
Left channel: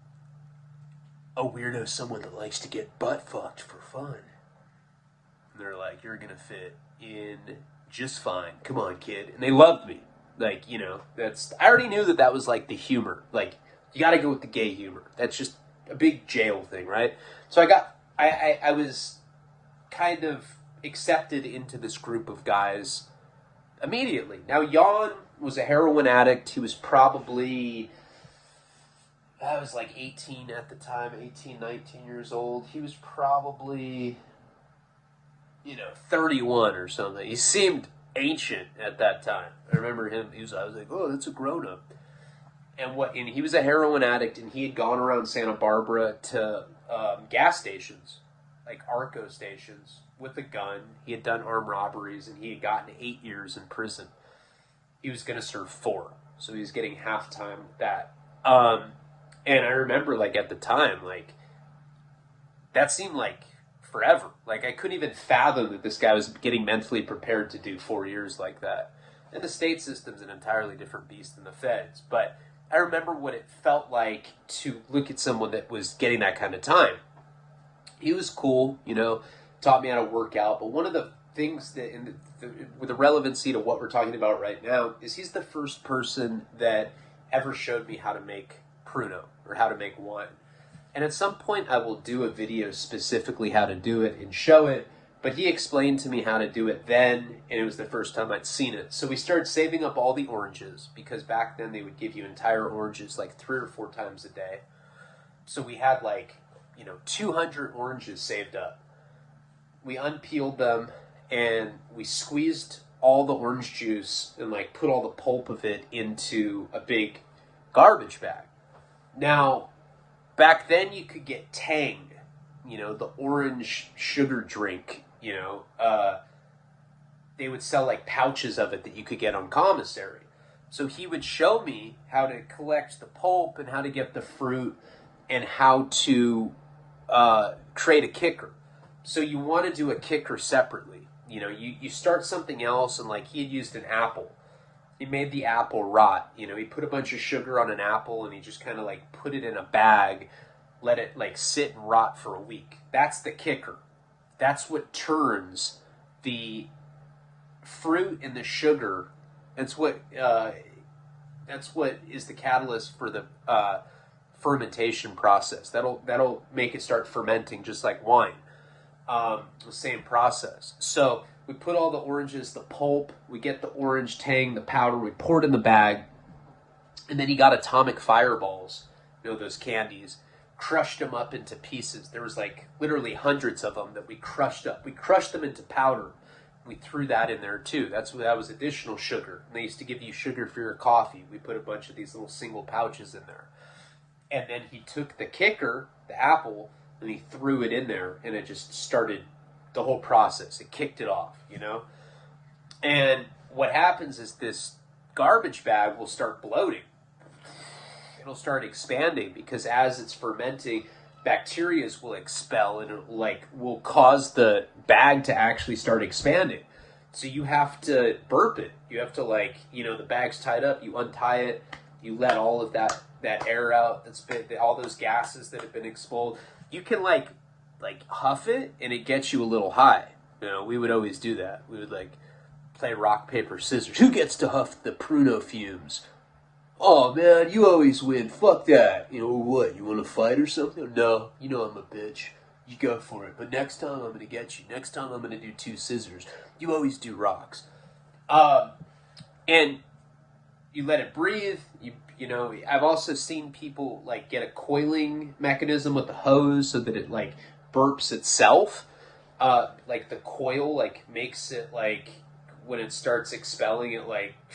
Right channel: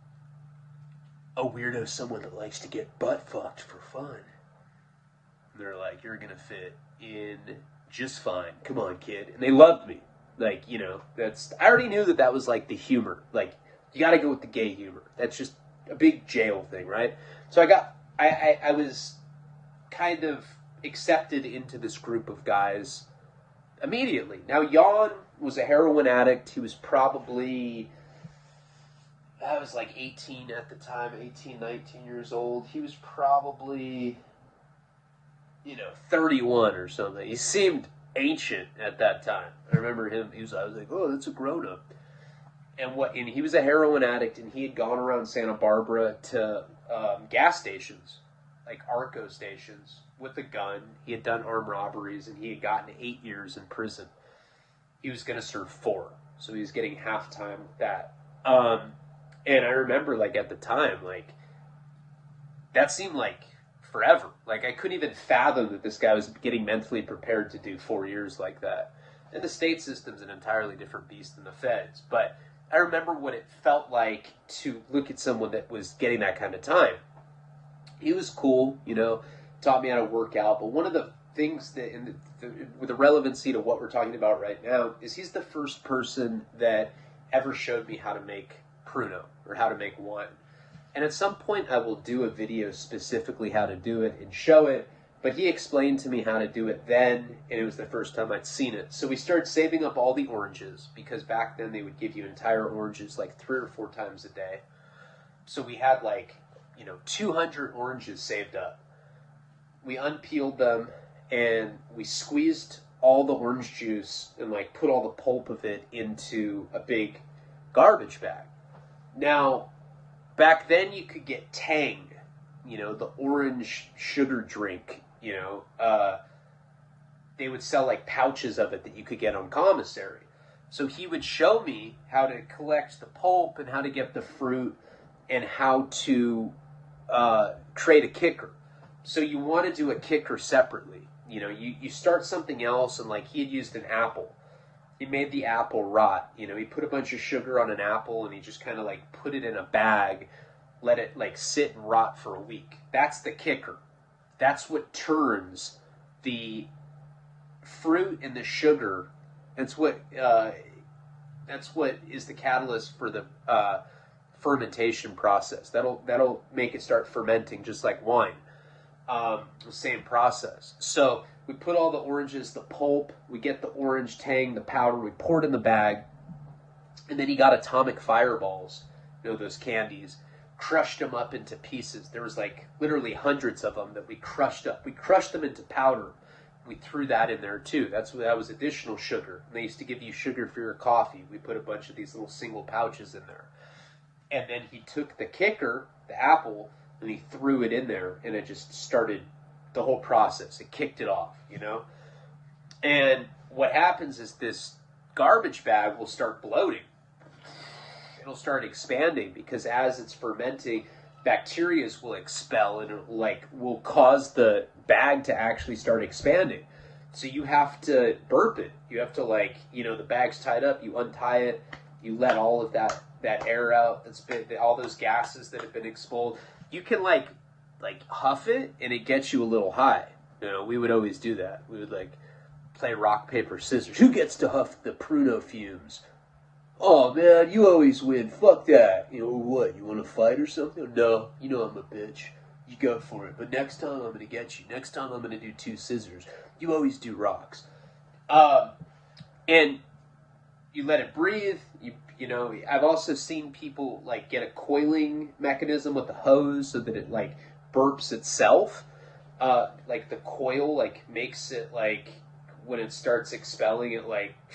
a weirdo someone that likes to get butt fucked for fun. And they're like, you're gonna fit in just fine. Come on, kid. And they loved me. Like, you know, I already knew that was like the humor. Like, you gotta go with the gay humor. That's just a big jail thing, right? So I was kind of accepted into this group of guys immediately. Now, Jan was a heroin addict. He was probably, I was like 18 at the time, 18, 19 years old. He was probably, 31 or something. He seemed ancient at that time. I remember him. I was like, oh, that's a grown up. And he was a heroin addict, and he had gone around Santa Barbara to gas stations, like Arco stations, with a gun. He had done armed robberies, and he had gotten 8 years in prison. He was going to serve 4, so he was getting half time with that. And I remember, like, at the time, like, that seemed like forever. Like, I couldn't even fathom that this guy was getting mentally prepared to do 4 years like that. And the state system's an entirely different beast than the feds. But I remember what it felt like to look at someone that was getting that kind of time. He was cool, taught me how to work out. But one of the things that, with the relevancy to what we're talking about right now, is he's the first person that ever showed me how to make pruno, or how to make wine. And at some point I will do a video specifically how to do it and show it, but he explained to me how to do it then, and it was the first time I'd seen it. So we started saving up all the oranges, because back then they would give you entire oranges like 3 or 4 times a day. So we had 200 oranges saved up. We unpeeled them, and we squeezed all the orange juice and put all the pulp of it into a big garbage bag. Now, back then you could get Tang, the orange sugar drink, they would sell pouches of it that you could get on commissary. So he would show me how to collect the pulp and how to get the fruit and how to create a kicker. So you want to do a kicker separately. You start something else, and he had used an apple. He made the apple rot. He put a bunch of sugar on an apple, and he just kind of put it in a bag, let it sit and rot for a week. That's the kicker. That's what turns the fruit and the sugar. That's what is the catalyst for the fermentation process. That'll make it start fermenting just like wine. The same process. So we put all the oranges, the pulp, we get the orange Tang, the powder, we pour it in the bag, and then he got atomic fireballs, those candies, crushed them up into pieces. There was literally hundreds of them that we crushed up. We crushed them into powder. We threw that in there too. That was additional sugar. And they used to give you sugar for your coffee. We put a bunch of these little single pouches in there. And then he took the kicker, the apple, and he threw it in there, and it just started the whole process. It kicked it off, And what happens is this garbage bag will start bloating. It'll start expanding, because as it's fermenting, bacteria will expel, and it will cause the bag to actually start expanding. So you have to burp it. You have to the bag's tied up, you untie it, you let all of that air out, that's been all those gases that have been expelled. You can huff it, and it gets you a little high. We would always do that. We would play rock, paper, scissors. Who gets to huff the pruno fumes? Oh man, you always win. Fuck that. What? You want to fight or something? No, I'm a bitch. You go for it. But next time I'm gonna get you. Next time I'm gonna do 2 scissors. You always do rocks. And you let it breathe. I've also seen people get a coiling mechanism with the hose so that it burps itself. The coil makes it when it starts expelling, it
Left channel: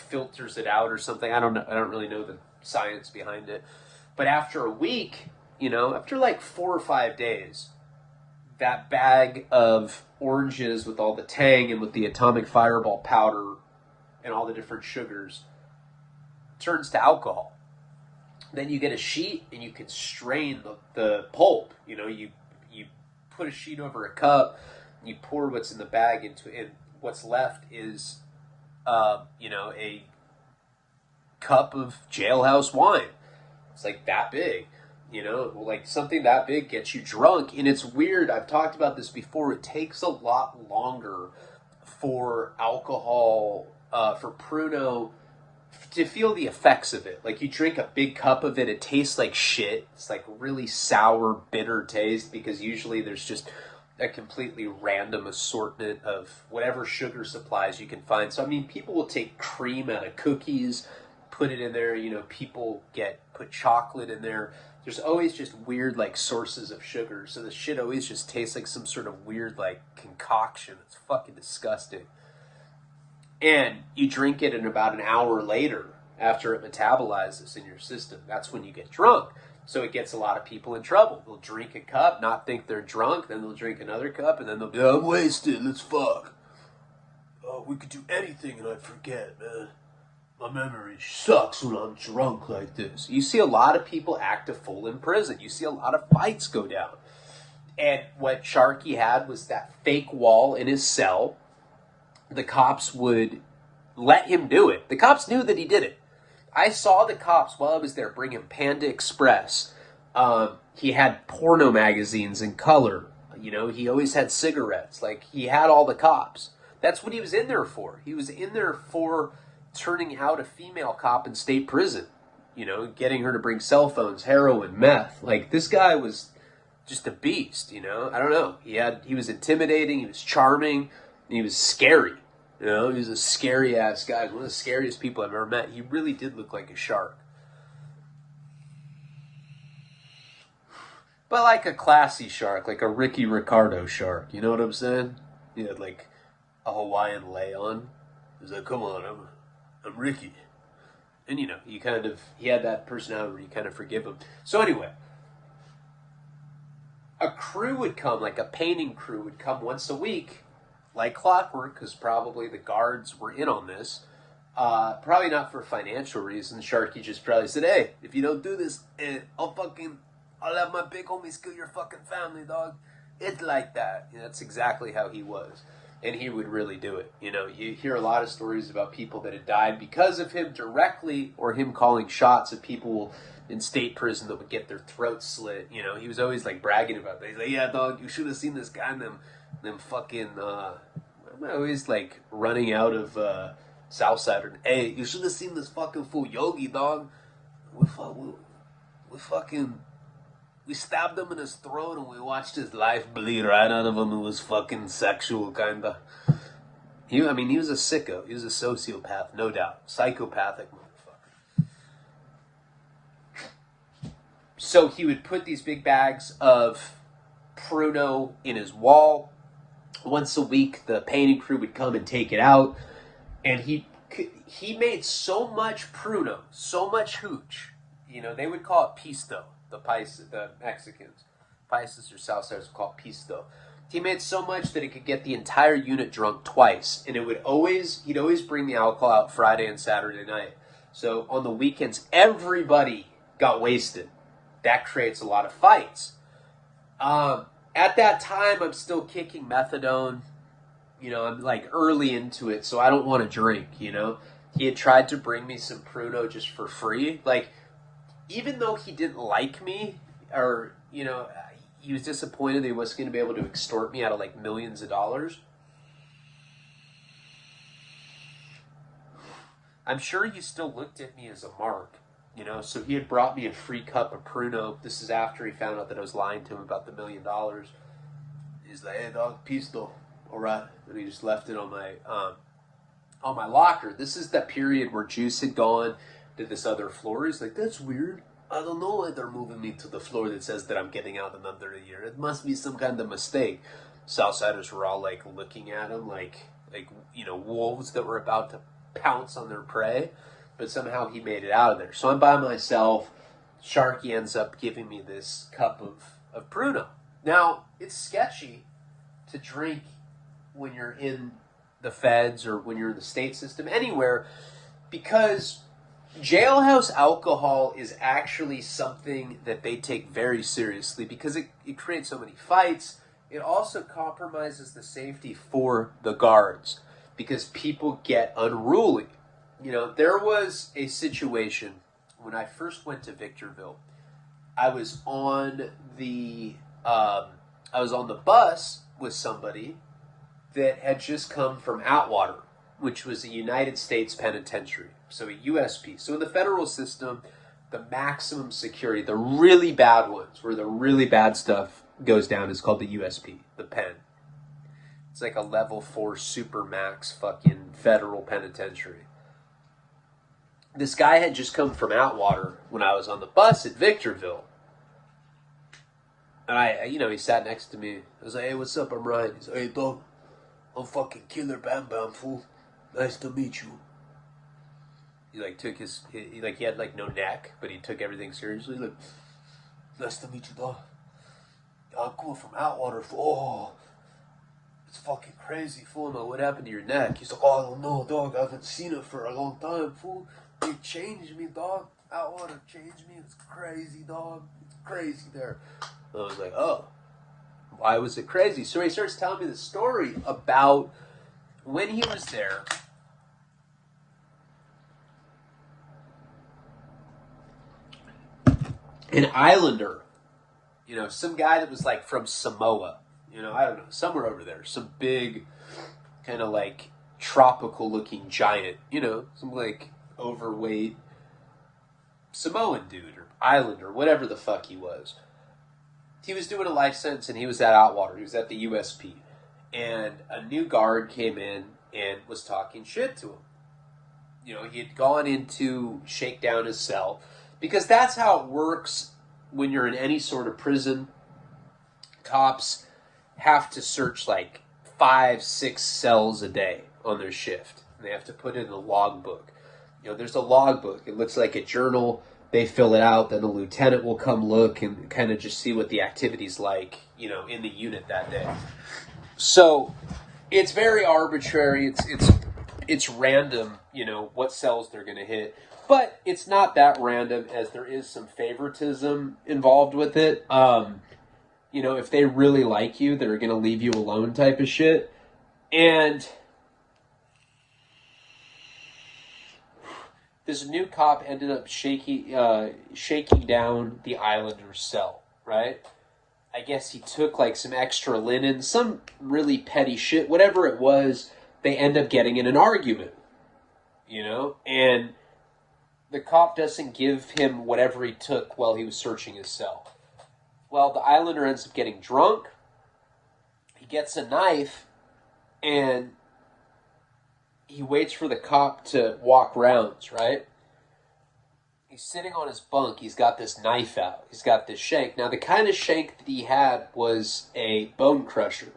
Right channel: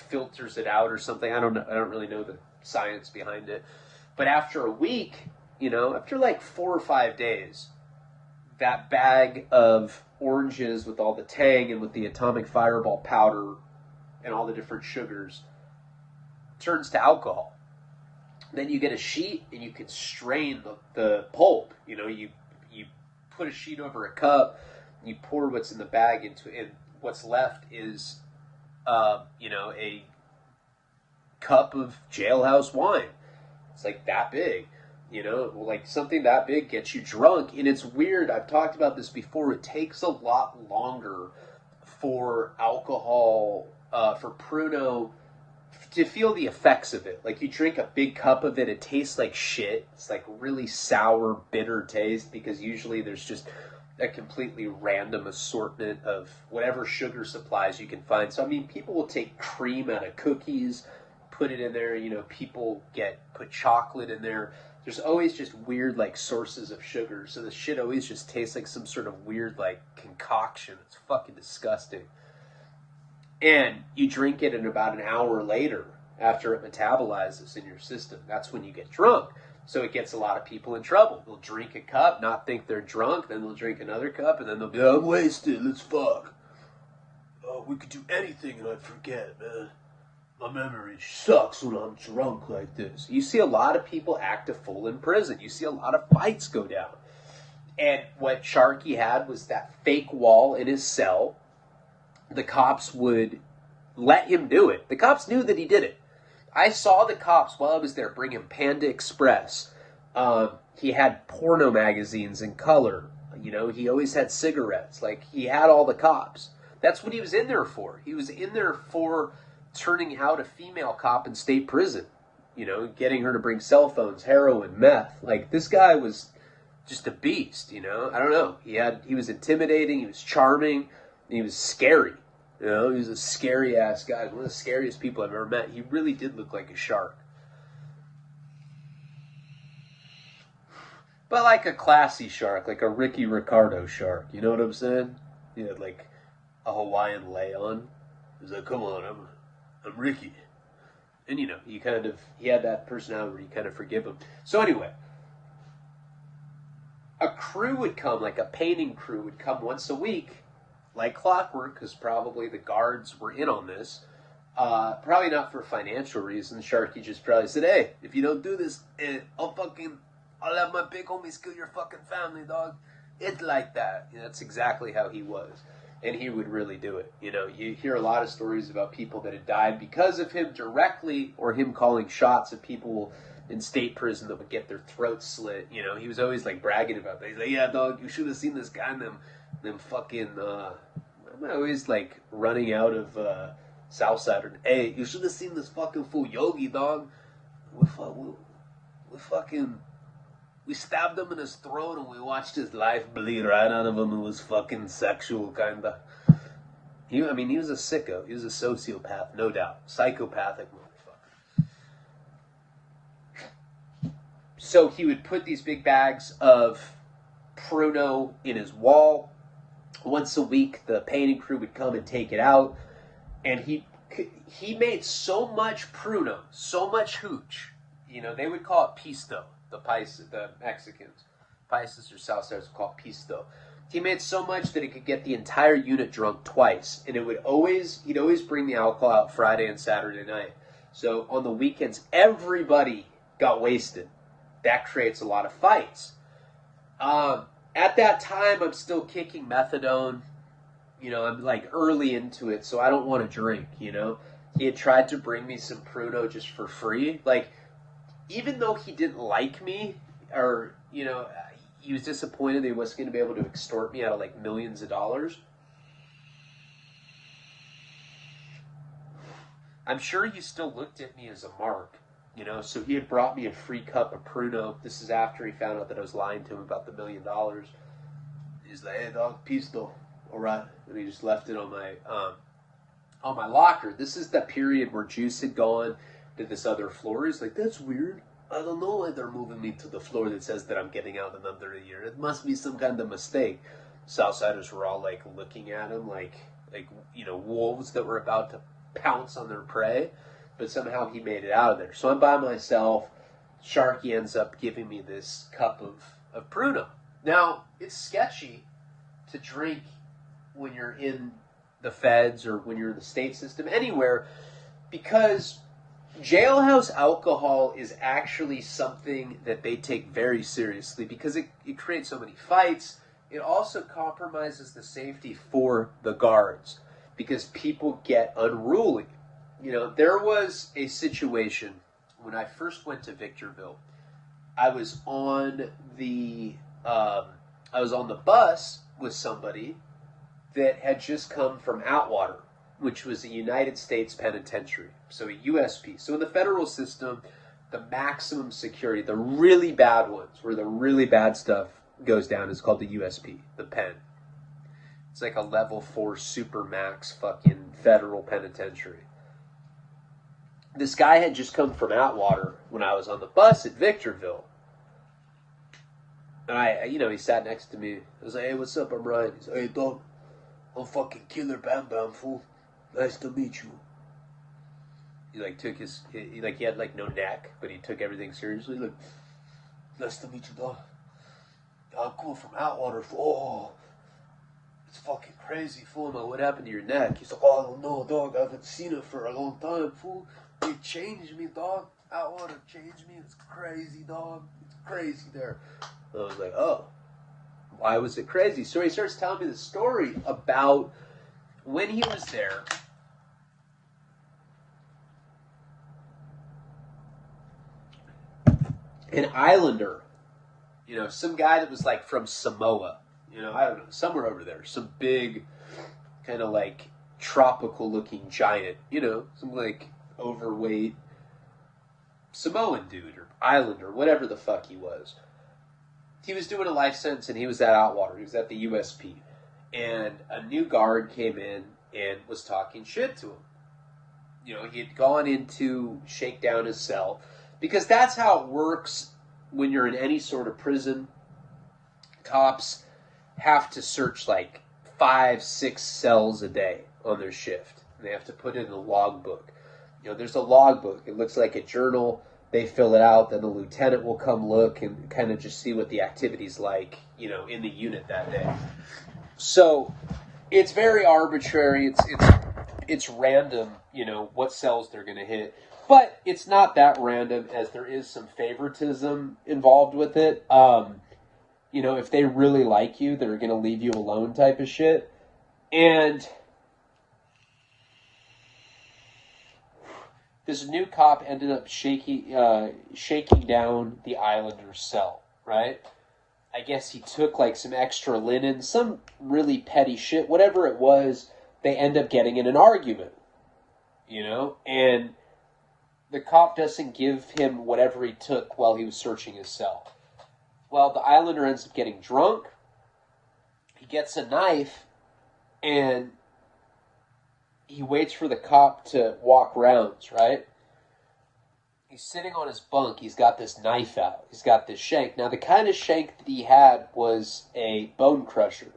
filters it out or something. I don't know. I don't really know the science behind it. But after a week, after 4 or 5 days, that bag of oranges with all the Tang and with the atomic fireball powder and all the different sugars turns to alcohol. Then you get a sheet and you can strain the pulp. You put a sheet over a cup, you pour what's in the bag into it, and what's left is, a cup of jailhouse wine. It's like that big. Like something that big gets you drunk. And it's weird. I've talked about this before. It takes a lot longer for alcohol, for pruno, to feel the effects of it. Like you drink a big cup of it, it tastes like shit. It's like really sour, bitter taste because usually there's just a completely random assortment of whatever sugar supplies you can find. So, I mean, people will take cream out of cookies, put it in there. People put chocolate in there. There's always just weird, like, sources of sugar. So the shit always just tastes like some sort of weird, like, concoction. It's fucking disgusting. And you drink it, and about an hour later, after it metabolizes in your system, that's when you get drunk. So it gets a lot of people in trouble. They'll drink a cup, not think they're drunk, then they'll drink another cup, and then they'll be, I'm wasted, let's fuck. Oh, we could do anything and I'd forget, man. My memory sucks when I'm drunk like this. You see a lot of people act a fool in prison. You see a lot of fights go down. And what Sharky had was that fake wall in his cell. The cops would let him do it. The cops knew that he did it. I saw the cops while I was there bring him Panda Express. He had porno magazines in color. He always had cigarettes. Like, he had all the cops. That's what he was in there for. He was in there for turning out a female cop in state prison. Getting her to bring cell phones, heroin, meth. Like, this guy was just a beast, I don't know. He was intimidating, he was charming, and he was scary. He was a scary ass guy. One of the scariest people I've ever met. He really did look like a shark. But like a classy shark, like a Ricky Ricardo shark. You know what I'm saying? He had like a Hawaiian lei on. He was like, come on, I'm Ricky. And he had that personality where you kind of forgive him. So anyway, a crew would come, like a painting crew would come once a week, like clockwork, because probably the guards were in on this. Probably not for financial reasons. Sharky just probably said, hey, if you don't do this, I'll have my big homies kill your fucking family, dog. It's like that. That's exactly how he was. And he would really do it. You hear a lot of stories about people that had died because of him directly, or him calling shots at people in state prison that would get their throats slit. He was always like bragging about that. He's like, yeah, dog, you should have seen this guy in them fucking, I'm always like running out of Southside. Hey, you should have seen this fucking fool Yogi, dog. We stabbed him in his throat and we watched his life bleed right out of him. It was fucking sexual, kinda. He was a sicko. He was a sociopath, no doubt. Psychopathic motherfucker. So he would put these big bags of pruno in his wall. Once a week, the painting crew would come and take it out. And he made so much pruno, so much hooch. They would call it pisto. The Mexicans, Paisas or Southsiders would call it pisto. He made so much that he could get the entire unit drunk twice. And he'd always bring the alcohol out Friday and Saturday night. So on the weekends, everybody got wasted. That creates a lot of fights. At that time, I'm still kicking methadone. I'm like early into it, so I don't want to drink, He had tried to bring me some pruno just for free. Like, even though he didn't like me, or, he was disappointed that he wasn't going to be able to extort me out of like millions of dollars. I'm sure he still looked at me as a mark, so he had brought me a free cup of pruno. This is after he found out that I was lying to him about the $1 million. He's like, hey, dog, pisto. All right. And he just left it on my locker. This is the period where Juice had gone to this other floor. He's like, that's weird. I don't know why they're moving me to the floor that says that I'm getting out in under a year. It must be some kind of mistake. Southsiders were all like looking at him like wolves that were about to pounce on their prey. But somehow he made it out of there. So I'm by myself. Sharky ends up giving me this cup of pruno. Now, it's sketchy to drink when you're in the feds or when you're in the state system, anywhere, because jailhouse alcohol is actually something that they take very seriously because it creates so many fights. It also compromises the safety for the guards because people get unruly. You know, there was a situation when I first went to Victorville. I was on the bus with somebody that had just come from Atwater, which was a United States penitentiary, so a USP. So in the federal system, the maximum security, the really bad ones, where the really bad stuff goes down, is called the USP, the pen. It's like a level 4 super max fucking federal penitentiary. This guy had just come from Atwater when I was on the bus at Victorville. And he sat next to me. I was like, hey, what's up? I'm Ryan. He's like, hey, dog, I'm fucking Killer Bam Bam, fool. Nice to meet you. He took he had no neck, but he took everything seriously. Like, nice to meet you, dog. I'm cool from Atwater, fool. Oh, it's fucking crazy, fool. Now, what happened to your neck? He's like, oh, I don't know, dog. I haven't seen it for a long time, fool. You changed me, dog. Atwater changed me. It's crazy, dog. It's crazy there. I was like, oh, why was it crazy? So he starts telling me the story about when he was there. An islander, some guy that was from Samoa, I don't know, somewhere over there, some big kind of tropical looking giant, some overweight Samoan dude or islander, whatever the fuck he was. He was doing a life sentence and he was at Atwater. He was at the USP. And a new guard came in and was talking shit to him. He had gone in to shake down his cell because that's how it works when you're in any sort of prison. Cops have to search 5-6 cells a day on their shift. And they have to put it in a logbook. There's a logbook. It looks like a journal. They fill it out, then the lieutenant will come look and kind of just see what the activity's like, in the unit that day. So it's very arbitrary. It's random, what cells they're going to hit. But it's not that random, as there is some favoritism involved with it. If they really like you, they're going to leave you alone type of shit. And this new cop ended up shaking down the islander's cell, right? I guess he took some extra linen, some really petty shit, whatever it was. They end up getting in an argument, and the cop doesn't give him whatever he took while he was searching his cell. Well, the islander ends up getting drunk. He gets a knife, and he waits for the cop to walk rounds, right? He's sitting on his bunk. He's got this knife out. He's got this shank. Now, the kind of shank that he had was a bone crusher.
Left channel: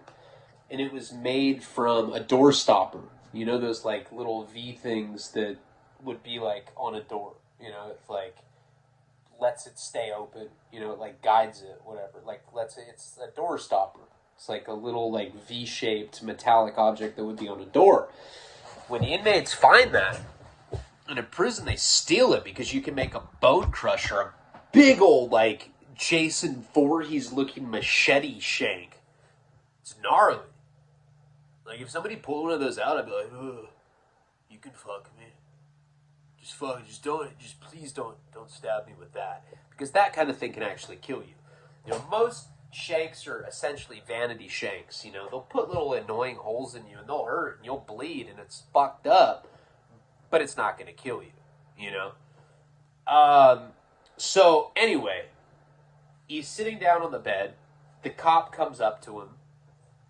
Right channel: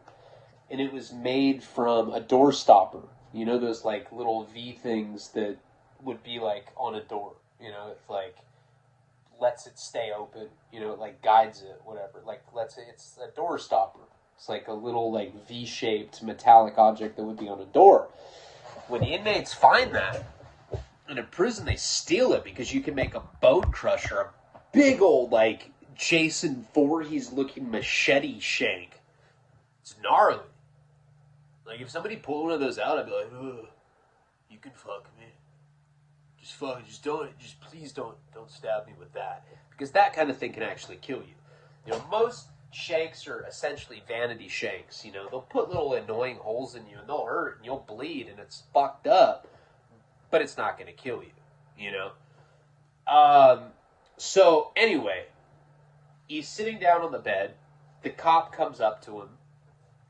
And it was made from a door stopper. Those little V things that would be on a door. It lets it stay open. It guides it, whatever. It's a door stopper. It's a little V-shaped metallic object that would be on a door. When inmates find that in a prison, they steal it because you can make a bone crusher, a big old Jason Voorhees looking machete shank. It's gnarly. If somebody pulled one of those out, I'd be like, ugh, you can fuck me. Please don't stab me with that, because that kind of thing can actually kill you. Most shanks are essentially vanity shanks. They'll put little annoying holes in you and they'll hurt and you'll bleed and it's fucked up, but it's not going to kill you, So anyway, he's sitting down on the bed. The cop comes up to him.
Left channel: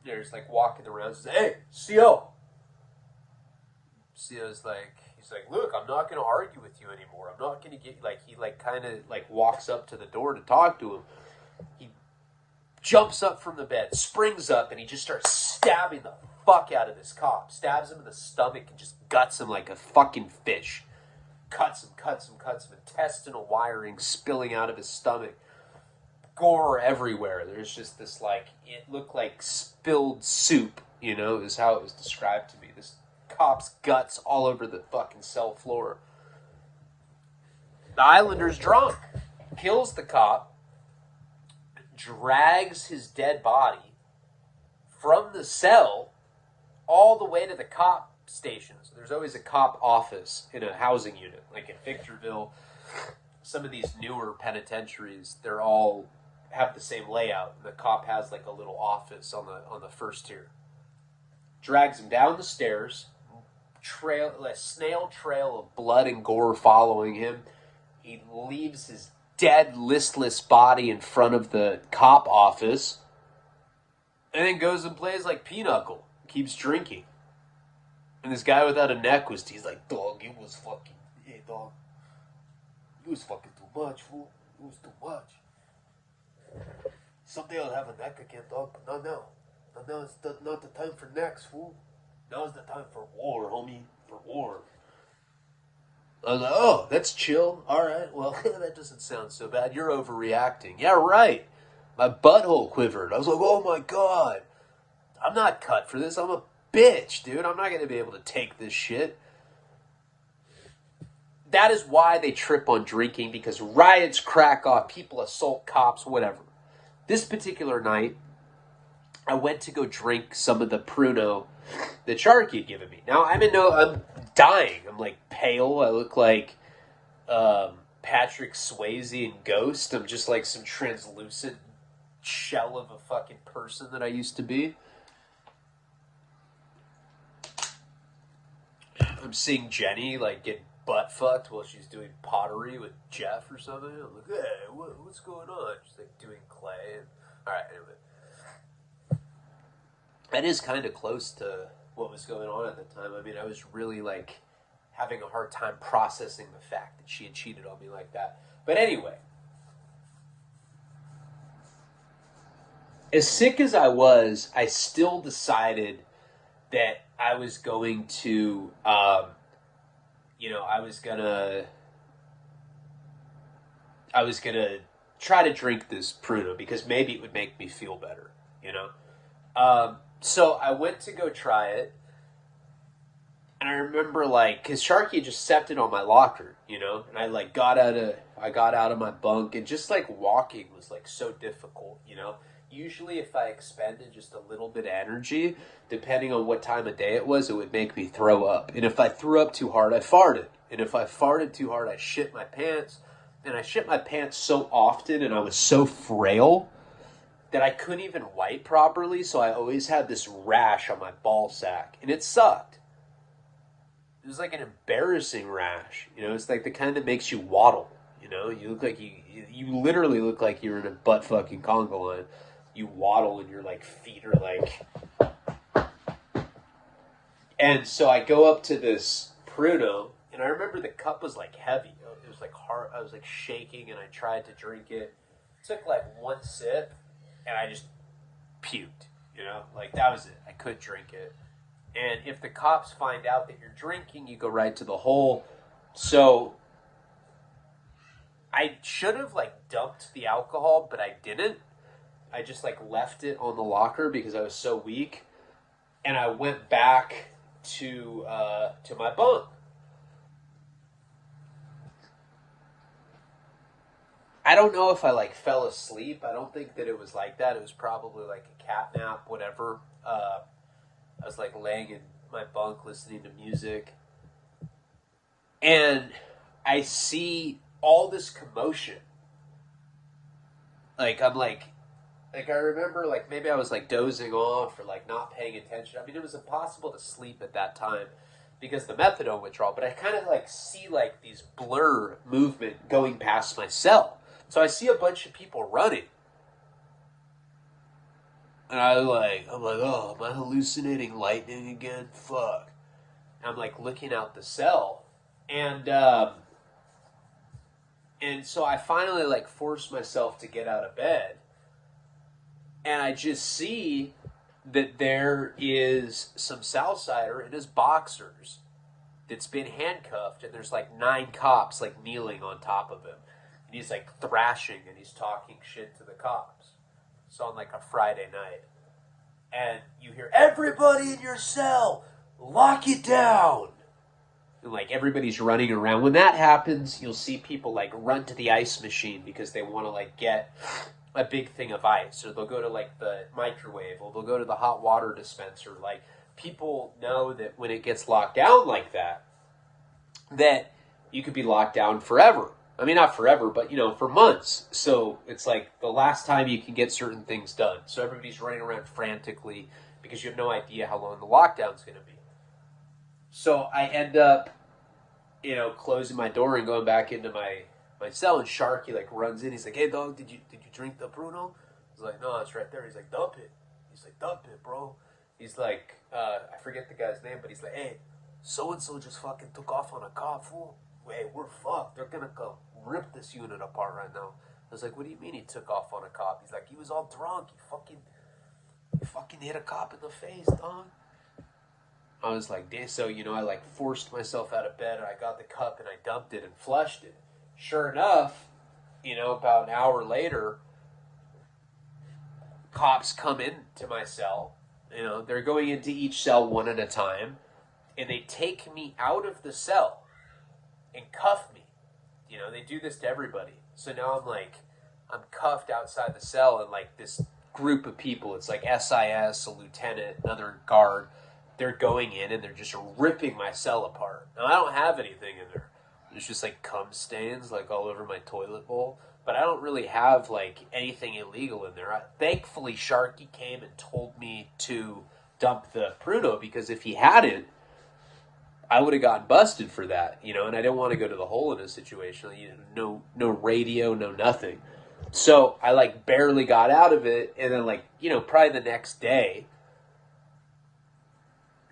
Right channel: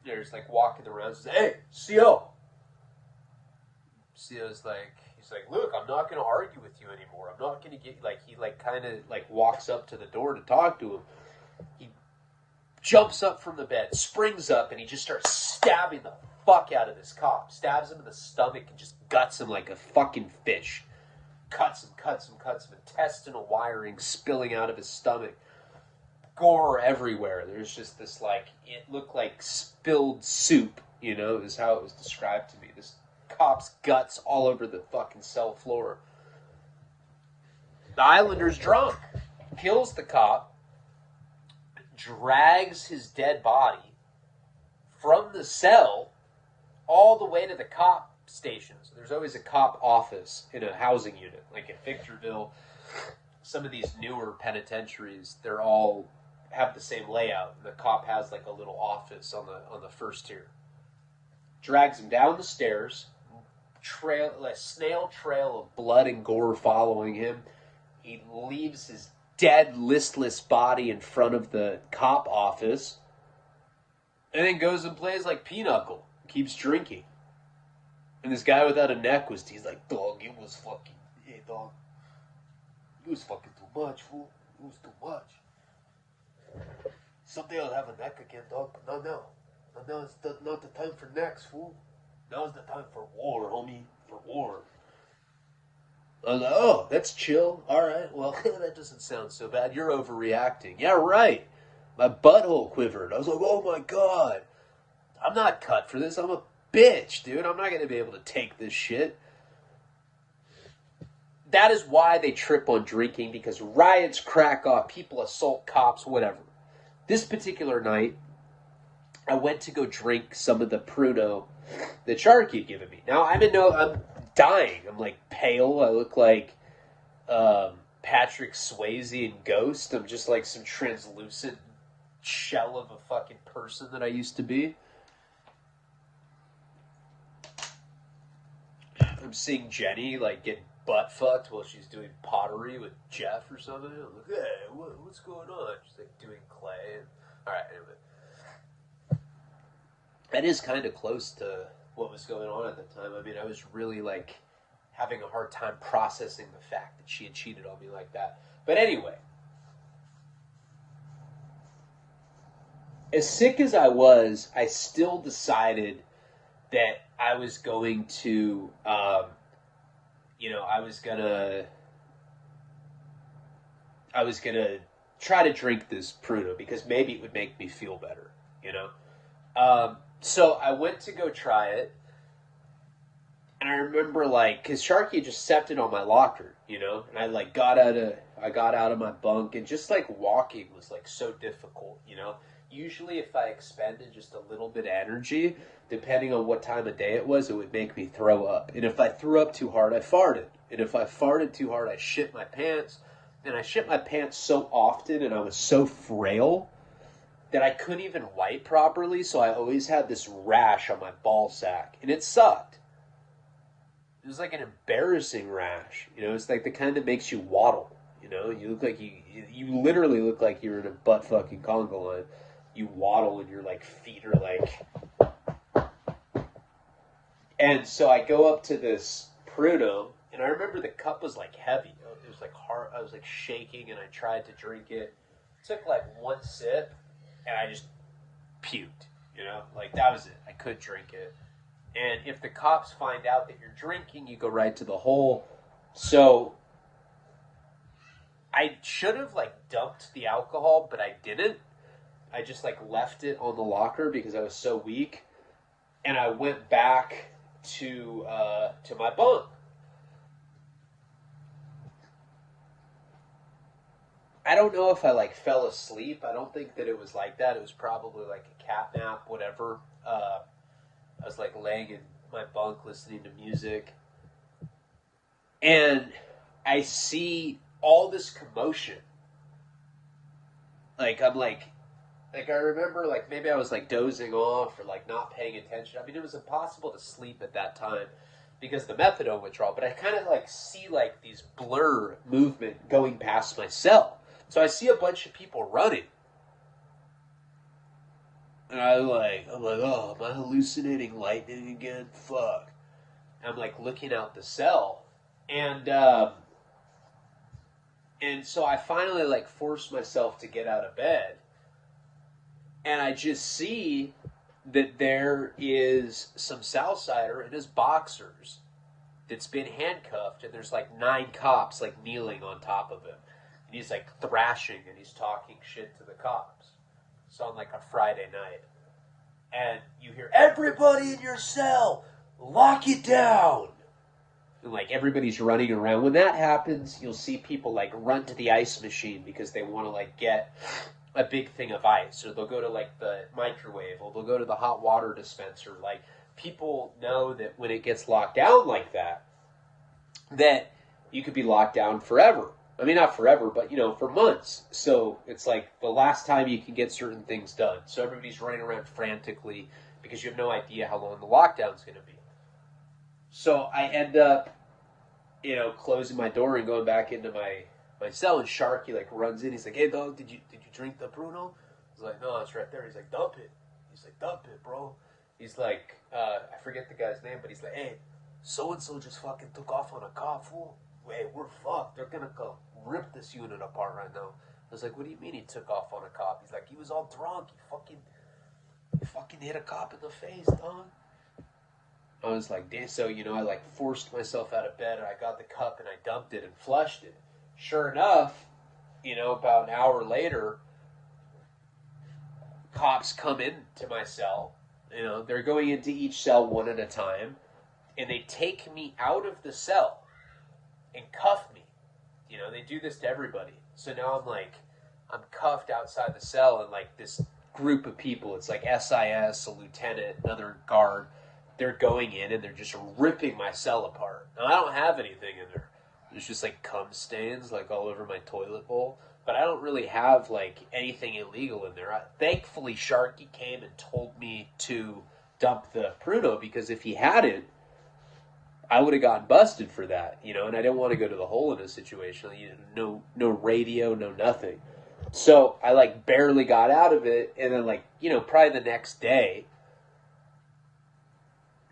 There's walking around and says, hey, CO. CO's he's like, look, I'm not going to argue with you anymore. I'm not going to get, he kind of walks up to the door to talk to him. He jumps up from the bed, springs up, and he just starts stabbing the fuck out of this cop. Stabs him in the stomach and just guts him like a fucking fish. Cuts him. Intestinal wiring spilling out of his stomach. Gore everywhere. There's just this it looked like spilled soup you know, is how it was described to me. This cop's guts all over the fucking cell floor. The Islander's drunk, kills the cop, drags his dead body from the cell all the way to the cop station. So there's always a cop office in a housing unit, like in Victorville. Some of these newer penitentiaries, they're all have the same layout. The cop has like a little office on the first tier. Drags him down the stairs, a snail trail of blood and gore following him. He leaves his dead, listless body in front of the cop office, and then goes and plays like Pinochle. Keeps drinking. And this guy without a neck he's like, dog, it was fucking, hey, dog. It was fucking too much, fool. It was too much. Someday I'll have a neck again, dog, but not now. But now it's not the time for necks, fool. Now is the time for war, homie. For war. I was like, oh, that's chill. All right, well, that doesn't sound so bad. You're overreacting. Yeah, right. My butthole quivered. I was like, oh my God. I'm not cut for this. I'm a bitch, dude. I'm not going to be able to take this shit. That is why they trip on drinking, because riots crack off, people assault cops, whatever. This particular night, I went to go drink some of the pruno that Sharky had given me. Now, I'm dying. I'm like pale. I look like Patrick Swayze in Ghost. I'm just like some translucent shell of a fucking person that I used to be. I'm seeing Jenny like get butt fucked while she's doing pottery with Jeff or something. I'm like, hey, what's going on? She's like doing clay. And, all right, anyway. That is kind of close to what was going on at the time. I mean, I was really like having a hard time processing the fact that she had cheated on me like that. But anyway, as sick as I was, I still decided that I was going to, I was gonna try to drink this pruno because maybe it would make me feel better, you know? So I went to go try it, and I remember like, cause Sharky had just stepped in on my locker, you know, and I like got out of my bunk, and just like walking was like so difficult, you know? Usually if I expended just a little bit of energy, depending on what time of day it was, it would make me throw up. And if I threw up too hard, I farted. And if I farted too hard, I shit my pants. And I shit my pants so often, and I was so frail that I couldn't even wipe properly, so I always had this rash on my ball sack. And it sucked. It was like an embarrassing rash. You know, it's like the kind that makes you waddle. You know, you look like you literally look like you're in a butt fucking conga line. You waddle and your like feet are like. And so I go up to this pruno, and I remember the cup was like heavy. It was like hard. I was like shaking, and I tried to drink it. It took like one sip, and I just puked. You know, like that was it. I couldn't drink it. And if the cops find out that you're drinking, you go right to the hole. So I should have like dumped the alcohol, but I didn't. I just like left it on the locker because I was so weak, and I went back to my bunk. I don't know if I like fell asleep. I don't think that it was like that. It was probably like a cat nap, whatever. I was like laying in my bunk listening to music, and I see all this commotion. Like I'm like I remember like maybe I was like dozing off or like not paying attention. I mean, it was impossible to sleep at that time because the methadone withdrawal, but I kind of like see like these blur movement going past my cell. So I see a bunch of people running. And I'm like, oh, am I hallucinating lightning again? Fuck. And I'm like looking out the cell. And so I finally like force myself to get out of bed. And I just see that there is some Southsider in his boxers that's been handcuffed, and there's like 9 cops like kneeling on top of him. And he's like thrashing and he's talking shit to the cops. So on like a Friday night. and you hear, everybody in your cell, lock it down. And like everybody's running around. When that happens, you'll see people like run to the ice machine because they want to like get a big thing of ice, or they'll go to like the microwave, or they'll go to the hot water dispenser. Like people know that when it gets locked down like that you could be locked down forever. I mean, not forever, but, you know, for months. So it's like the last time you can get certain things done. So everybody's running around frantically because you have no idea how long the lockdown's going to be. So I end up, you know, closing my door and going back into my cell, and Sharky like runs in. He's like, hey, dog, did you drink the pruno? I was like, no, it's right there. He's like, dump it. He's like, dump it, bro. He's like, I forget the guy's name, but he's like, hey, so-and-so just fucking took off on a cop, fool. Hey, we're fucked. They're going to come rip this unit apart right now. I was like, what do you mean he took off on a cop? He's like, he was all drunk. He fucking hit a cop in the face, dog. I was like, so, you know, I like forced myself out of bed, and I got the cup and I dumped it and flushed it. Sure enough, you know, about an hour later, cops come into my cell. You know, they're going into each cell one at a time, and they take me out of the cell and cuff me. You know, they do this to everybody. So now I'm cuffed outside the cell, and like this group of people, it's like SIS, a lieutenant, another guard, they're going in and they're just ripping my cell apart. And I don't have anything in there. There's just like cum stains like all over my toilet bowl. But I don't really have like anything illegal in there. Thankfully, Sharky came and told me to dump the pruno, because if he hadn't, I would have gotten busted for that, you know, and I didn't want to go to the hole in a situation. You know, no radio, no nothing. So I like barely got out of it, and then like, you know, probably the next day,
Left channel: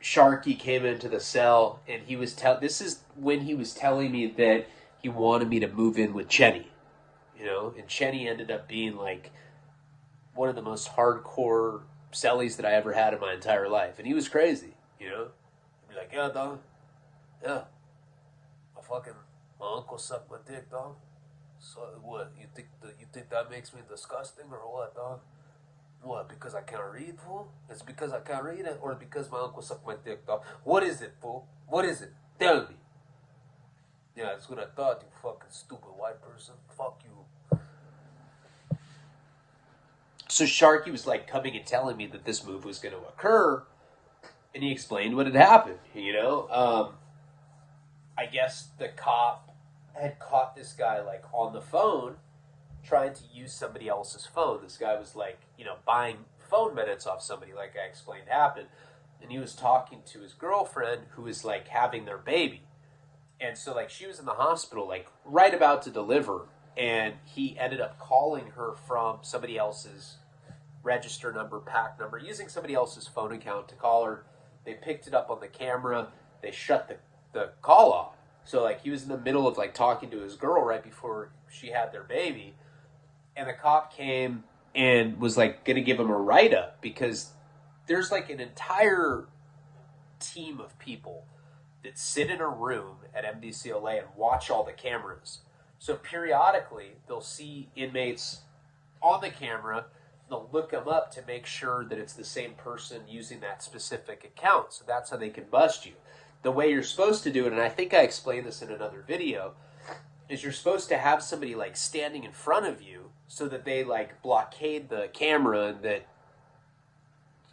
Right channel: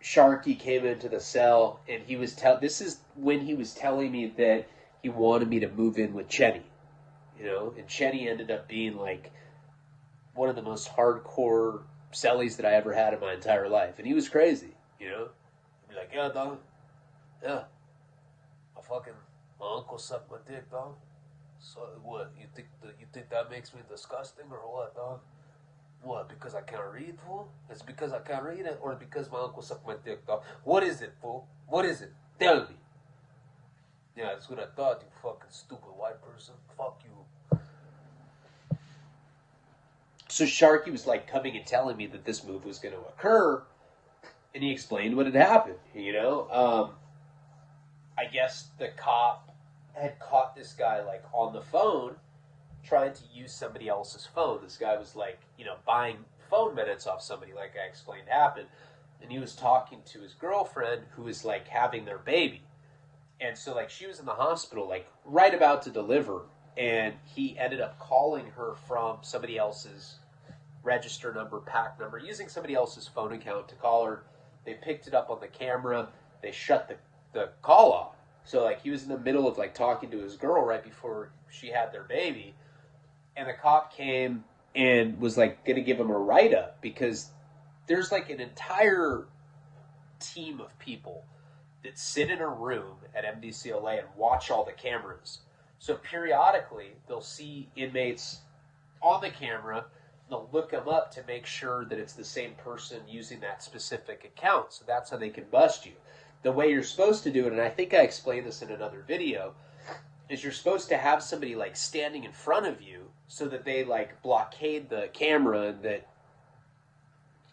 Sharky came into the cell, and he was this is when he was telling me that he wanted me to move in with Chenny, you know, and Chenny ended up being like one of the most hardcore cellies that I ever had in my entire life, and he was crazy, you know. He'd be like, yeah, dog, yeah, my uncle sucked my dick, dog. So what? You think that makes me disgusting or what, dog? What? Because I can't read, fool? It's because I can't read it, or because my uncle sucked my dick, dog? What is it, fool? What is it? Tell me. Yeah, that's what I thought, you fucking stupid white person. Fuck you. So Sharky was like coming and telling me that this move was going to occur, and he explained what had happened, you know? I guess the cop had caught this guy like on the phone trying to use somebody else's phone. This guy was like, you know, buying phone minutes off somebody, like I explained happened. And he was talking to his girlfriend who was like having their baby. And so like she was in the hospital, like right about to deliver. And he ended up calling her from somebody else's register number, pack number, using somebody else's phone account to call her. They picked it up on the camera. They shut the call off. So like he was in the middle of like talking to his girl right before she had their baby, and the cop came and was like gonna give him a write-up, because there's like an entire team of people that sit in a room at MDCLA and watch all the cameras. So periodically they'll see inmates on the camera, they'll look them up to make sure that it's the same person using that specific account. So that's how they can bust you. The way you're supposed to do it, and I think I explained this in another video, is you're supposed to have somebody like standing in front of you so that they like blockade the camera, and that,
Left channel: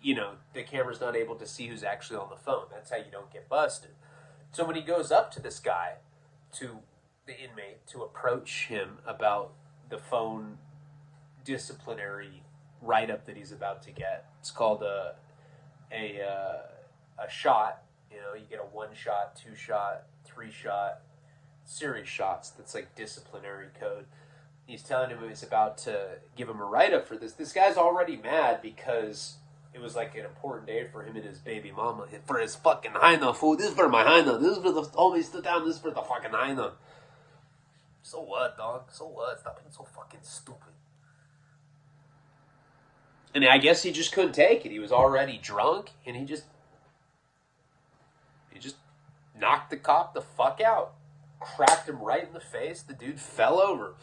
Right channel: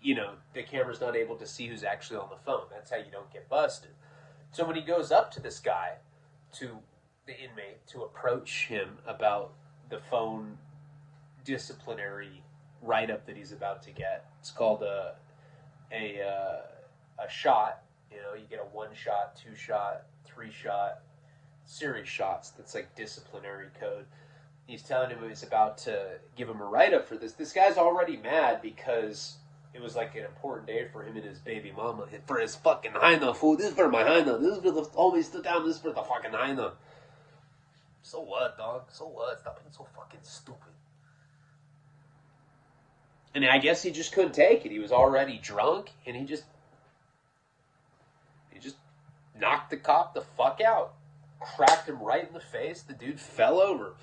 you know, the camera's not able to see who's actually on the phone. That's how you don't get busted. So when he goes up to this guy, to the inmate, to approach him about the phone disciplinary write-up that he's about to get, it's called a shot. You know, you get a 1-shot, 2-shot, 3-shot, series shots. That's like disciplinary code. He's telling him he's about to give him a write-up for this. This guy's already mad because it was like an important day for him and his baby mama. For his fucking hyena, fool. This is for my hyena. This is for the homie, sit down. This is for the fucking hyena. So what, dog? So what? Stop being so fucking stupid. And I guess he just couldn't take it. He was already drunk, and he just knocked the cop the fuck out. Cracked him right in the face. The dude fell over.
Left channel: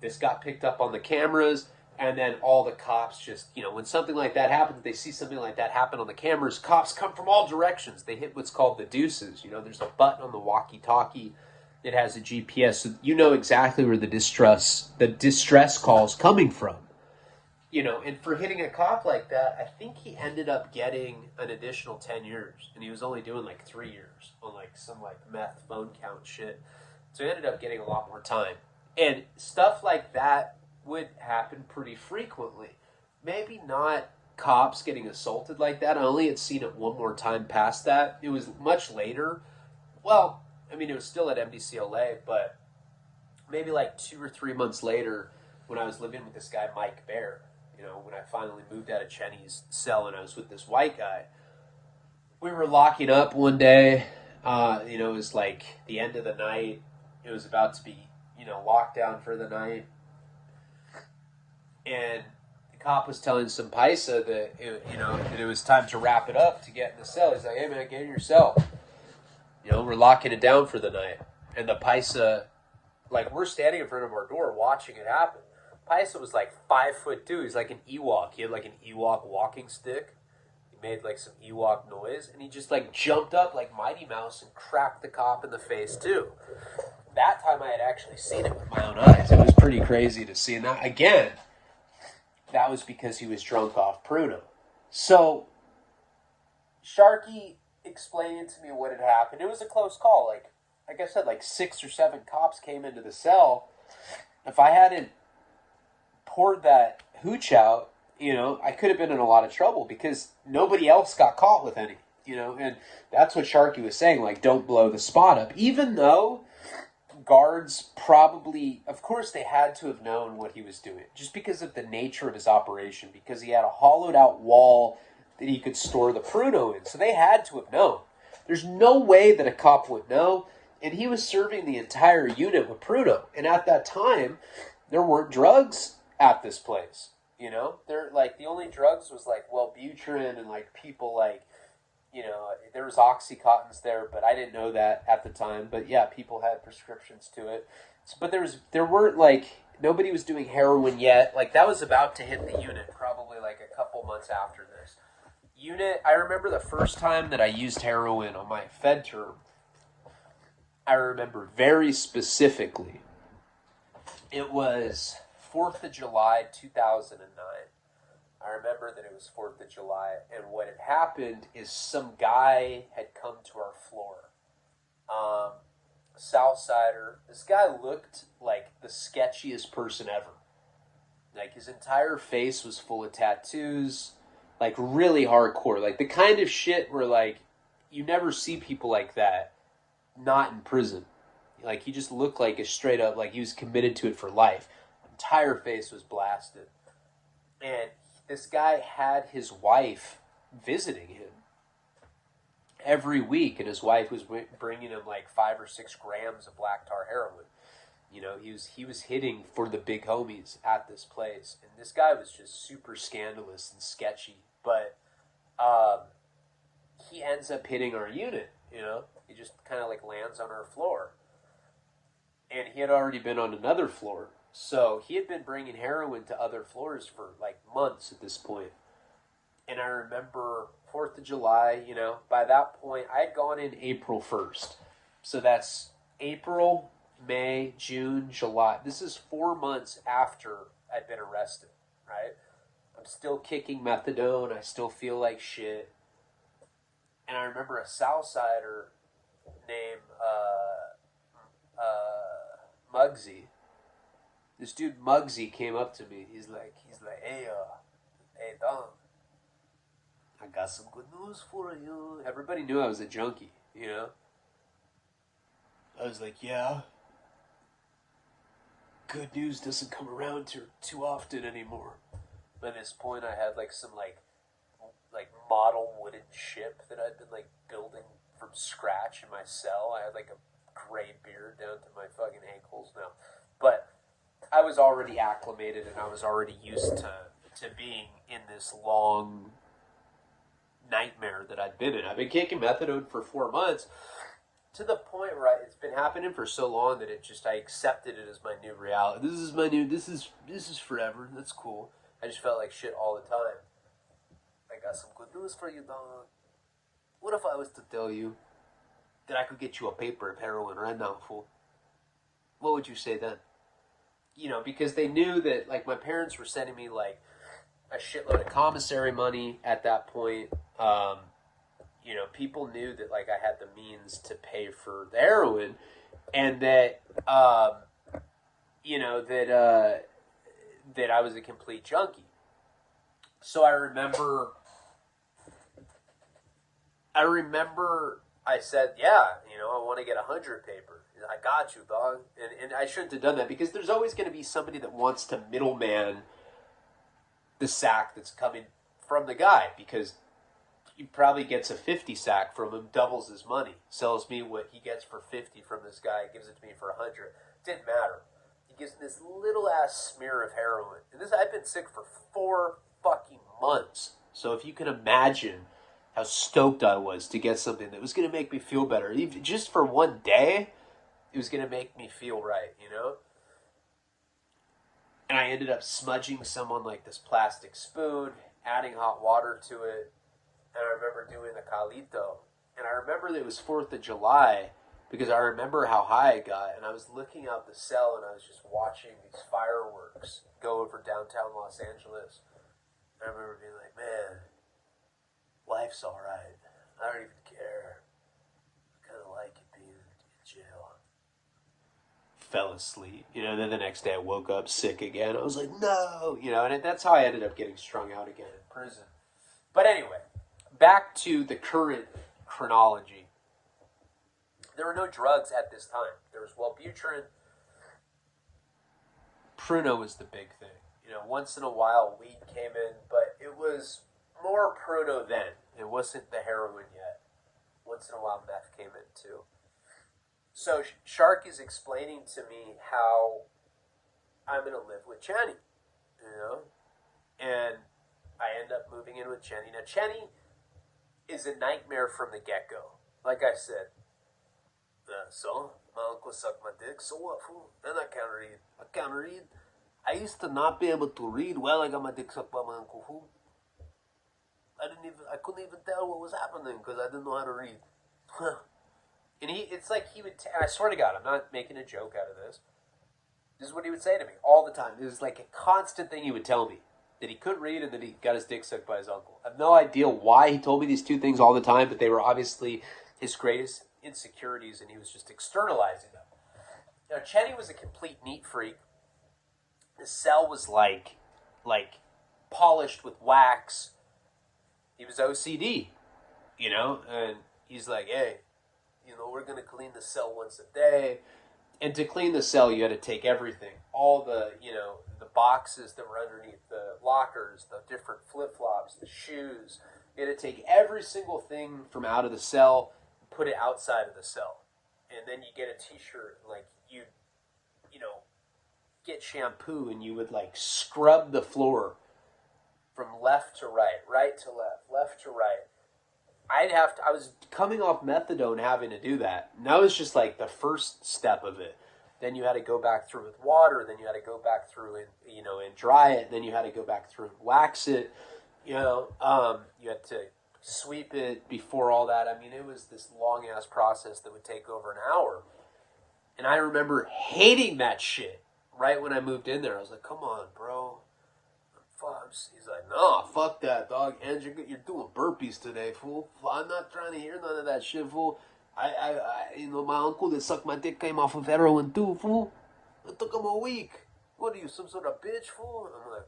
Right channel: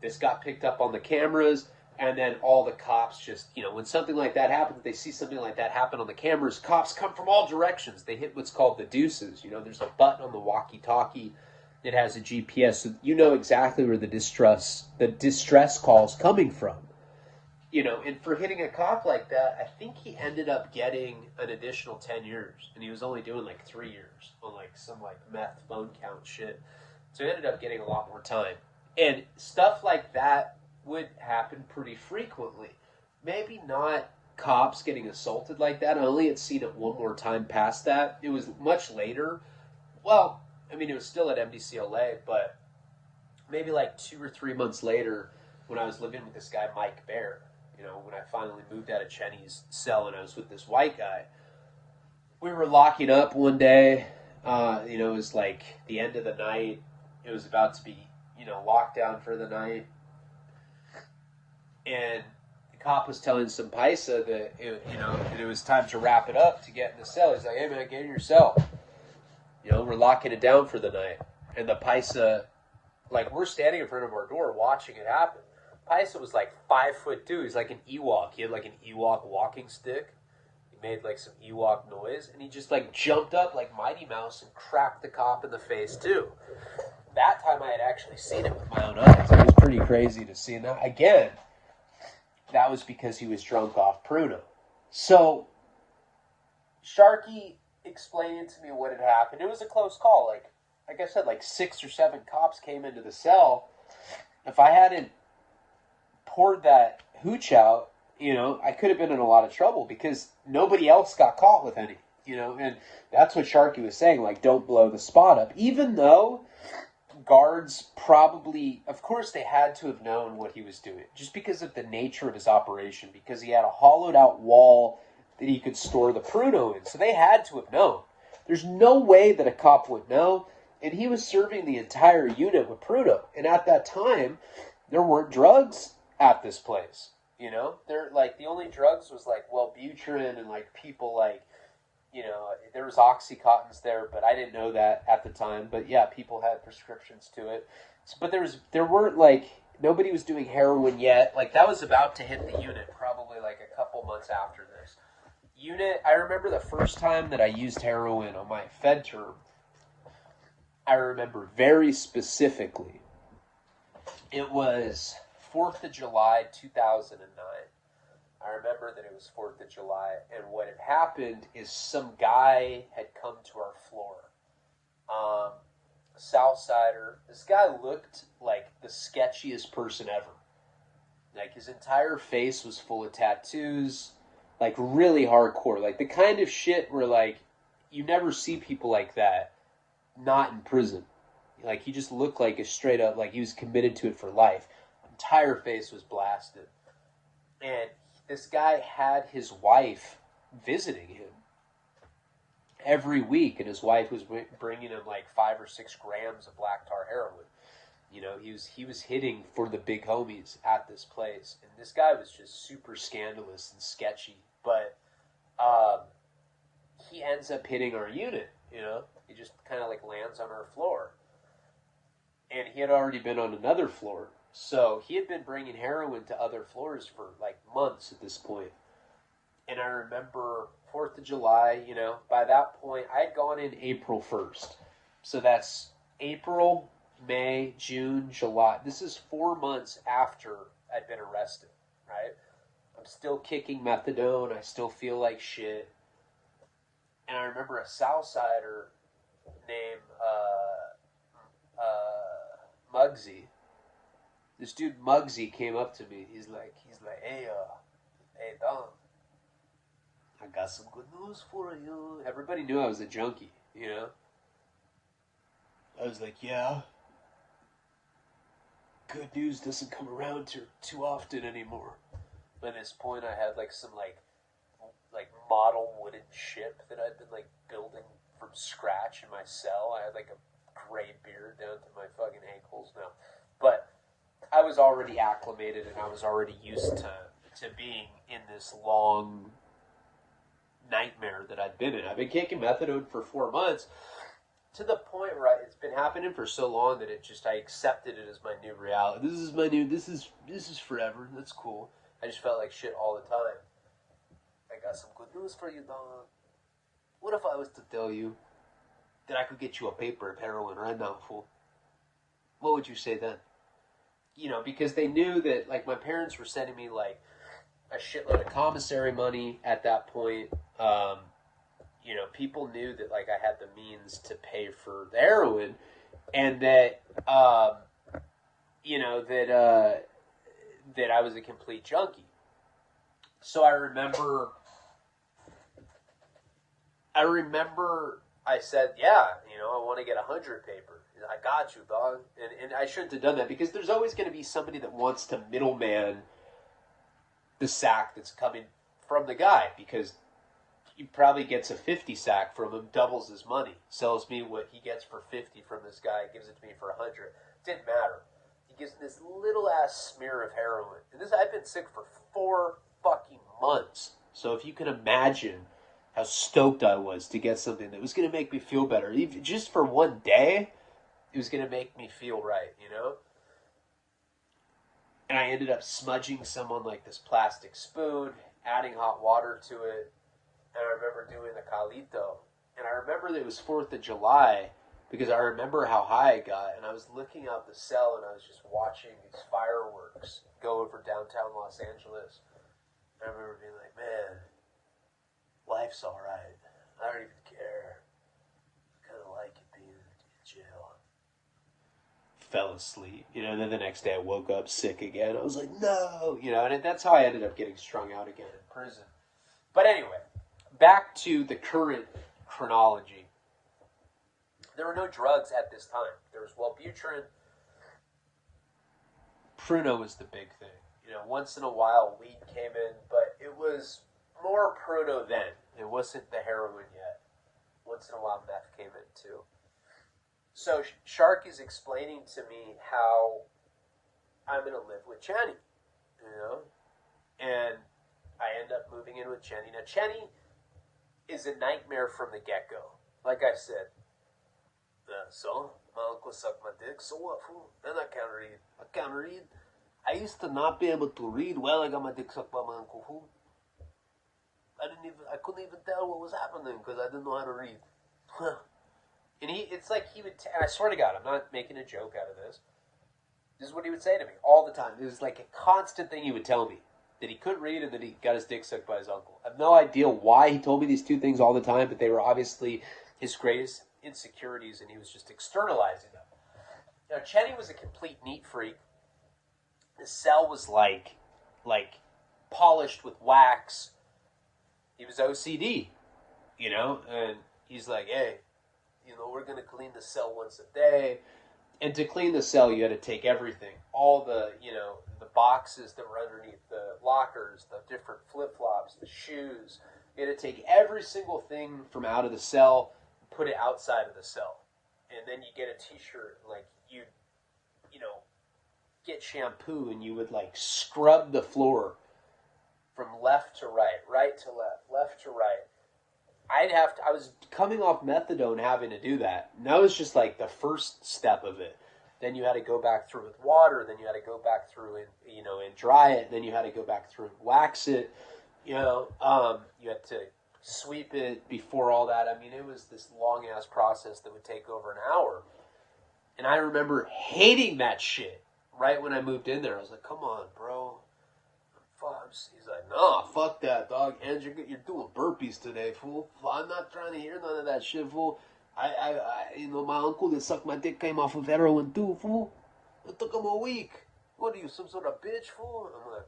This got picked up on the cameras. And then all the cops just, when something like that happens, they see something like that happen on the cameras, cops come from all directions. They hit what's called the deuces. There's a button on the walkie-talkie that has a GPS, so you know exactly where the distress call's coming from. And for hitting a cop like that, I think he ended up getting an additional 10 years. And he was only doing like 3 years on like some like meth phone count shit. So he ended up getting a lot more time. And stuff like that would happen pretty frequently. Maybe not cops getting assaulted like that. I only had seen it one more time past that. It was much later. Well, I mean, it was still at MDCLA, but maybe like 2 or 3 months later when I was living with this guy, Mike Bear. When I finally moved out of Cheney's cell and I was with this white guy, we were locking up one day. It was like the end of the night. It was about to be, locked down for the night. And the cop was telling some paisa that, that it was time to wrap it up to get in the cell. He's like, hey, man, get in your cell. We're locking it down for the night. And the paisa, like, we're standing in front of our door watching it happen. Paisa was like 5'2". He's like an Ewok. He had like an Ewok walking stick. He made like some Ewok noise, and he just like jumped up like Mighty Mouse and cracked the cop in the face too. That time I had actually seen it with my own eyes. It was pretty crazy to see. And that, again, that was because he was drunk off pruno. So Sharky explained to me what had happened. It was a close call. Like I said, like 6 or 7 cops came into the cell. If I hadn't poured that hooch out, I could have been in a lot of trouble because nobody else got caught with any, and that's what Sharky was saying, like, don't blow the spot up. Even though guards probably, of course, they had to have known what he was doing just because of the nature of his operation, because he had a hollowed out wall that he could store the pruno in. So they had to have known. There's no way that a cop would know. And he was serving the entire unit with pruno. And at that time, there weren't drugs at this place, they're like, the only drugs was like Wellbutrin and like people like, there was Oxycontins there, but I didn't know that at the time. But yeah, people had prescriptions to it. But there weren't like, nobody was doing heroin yet. Like that was about to hit the unit probably like a couple months after this. I remember the first time that I used heroin on my Fed term. I remember very specifically. It was 4th of July, 2009. I remember that it was 4th of July, and what had happened is some guy had come to our floor. Southsider. This guy looked like the sketchiest person ever. Like, his entire face was full of tattoos, like, really hardcore. Like, the kind of shit where, like, you never see people like that not in prison. Like, he just looked like a straight up, like, he was committed to it for life. Entire face was blasted. And this guy had his wife visiting him every week, and his wife was bringing him like 5 or 6 grams of black tar heroin. He was hitting for the big homies at this place, and this guy was just super scandalous and sketchy. But he ends up hitting our unit. He just kind of like lands on our floor, and he had already been on another floor. So he had been bringing heroin to other floors for like months at this point. And I remember 4th of July, by that point, I had gone in April 1st. So that's April, May, June, July. This is 4 months after I'd been arrested, right? I'm still kicking methadone. I still feel like shit. And I remember a Southsider named Muggsy. This dude Muggsy came up to me. He's like, hey, Dom, I got some good news for you. Everybody knew I was a junkie, I was like, yeah. Good news doesn't come around too often anymore. By this point, I had like some like model wooden ship that I'd been like building from scratch in my cell. I had like a gray beard down to my fucking ankles now, but I was already acclimated and I was already used to being in this long nightmare that I'd been in. I've been kicking methadone for 4 months, to the point where it's been happening for so long that I accepted it as my new reality. This is forever. That's cool. I just felt like shit all the time. I got some good news for you, dog. What if I was to tell you that I could get you a paper of heroin right now, fool? What would you say then? You know, because they knew that, like, my parents were sending me, like, a shitload of commissary money at that point. You know, people knew that, like, I had the means to pay for the heroin, and that, you know, that I was a complete junkie. So I remember I said, yeah, you know, I want to get 100 paper. I got you, dog. And I shouldn't have done that, because there's always going to be somebody that wants to middleman the sack that's coming from the guy, because he probably gets a 50 sack from him, doubles his money, sells me what he gets for 50 from this guy, gives it to me for 100. Didn't matter. He gives me this little ass smear of heroin. And I've been sick for 4 fucking months. So if you can imagine how stoked I was to get something that was going to make me feel better, even just for one day, it was going to make me feel right, you know? And I ended up smudging someone like this plastic spoon, adding hot water to it, and I remember doing the calito. And I remember that it was 4th of July, because I remember how high I got, and I was looking out the cell, and I was just watching these fireworks go over downtown Los Angeles. And I remember being like, man, life's alright. I don't even care. I kind of like it being in jail. Fell asleep. You know, then the next day I woke up sick again. I was like, no! You know, and that's how I ended up getting strung out again in prison. But anyway, back to the current chronology. There were no drugs at this time. There was Wellbutrin. Pruno was the big thing. You know, once in a while weed came in, but it was more pruno then. It wasn't the heroin yet. Once in a while meth came in too. So Shark is explaining to me how I'm going to live with Chenny, you know? And I end up moving in with Chenny. Now, Chenny is a nightmare from the get-go. Like I said, so, my uncle sucked my dick, so what, fool? And I can't read. I can't read. I used to not be able to read well. I got my dick sucked by my uncle, fool. I couldn't even tell what was happening because I didn't know how to read. And it's like he would, I swear to God, I'm not making a joke out of this. This is what he would say to me all the time. This is like a constant thing he would tell me. That he couldn't read and that he got his dick sucked by his uncle. I have no idea why he told me these two things all the time, but they were obviously his greatest insecurities, and he was just externalizing them. Now, Chetty was a complete neat freak. His cell was like polished with wax. He was OCD, you know, and he's like, hey, you know, we're going to clean the cell once a day. And to clean the cell, you had to take everything. All the, you know, the boxes that were underneath the lockers, the different flip-flops, the shoes. You had to take every single thing from out of the cell and put it outside of the cell. And then you get a t-shirt, like, you know, get shampoo, and you would, like, scrub the floor from left to right, right to left, left to right. I was coming off methadone having to do that. And that was just like the first step of it. Then you had to go back through with water. Then you had to go back through and, you know, and dry it. Then you had to go back through and wax it. You know, you had to sweep it before all that. I mean, it was this long ass process that would take over an hour. And I remember hating that shit right when I moved in there. I was like, come on, bro. He's like, no, fuck that, dog. And you're doing burpees today, fool. I'm not trying to hear none of that shit, fool. You know, my uncle that sucked my dick came off of heroin too, fool. It took him a week. What are you, some sort of bitch, fool? And I'm like,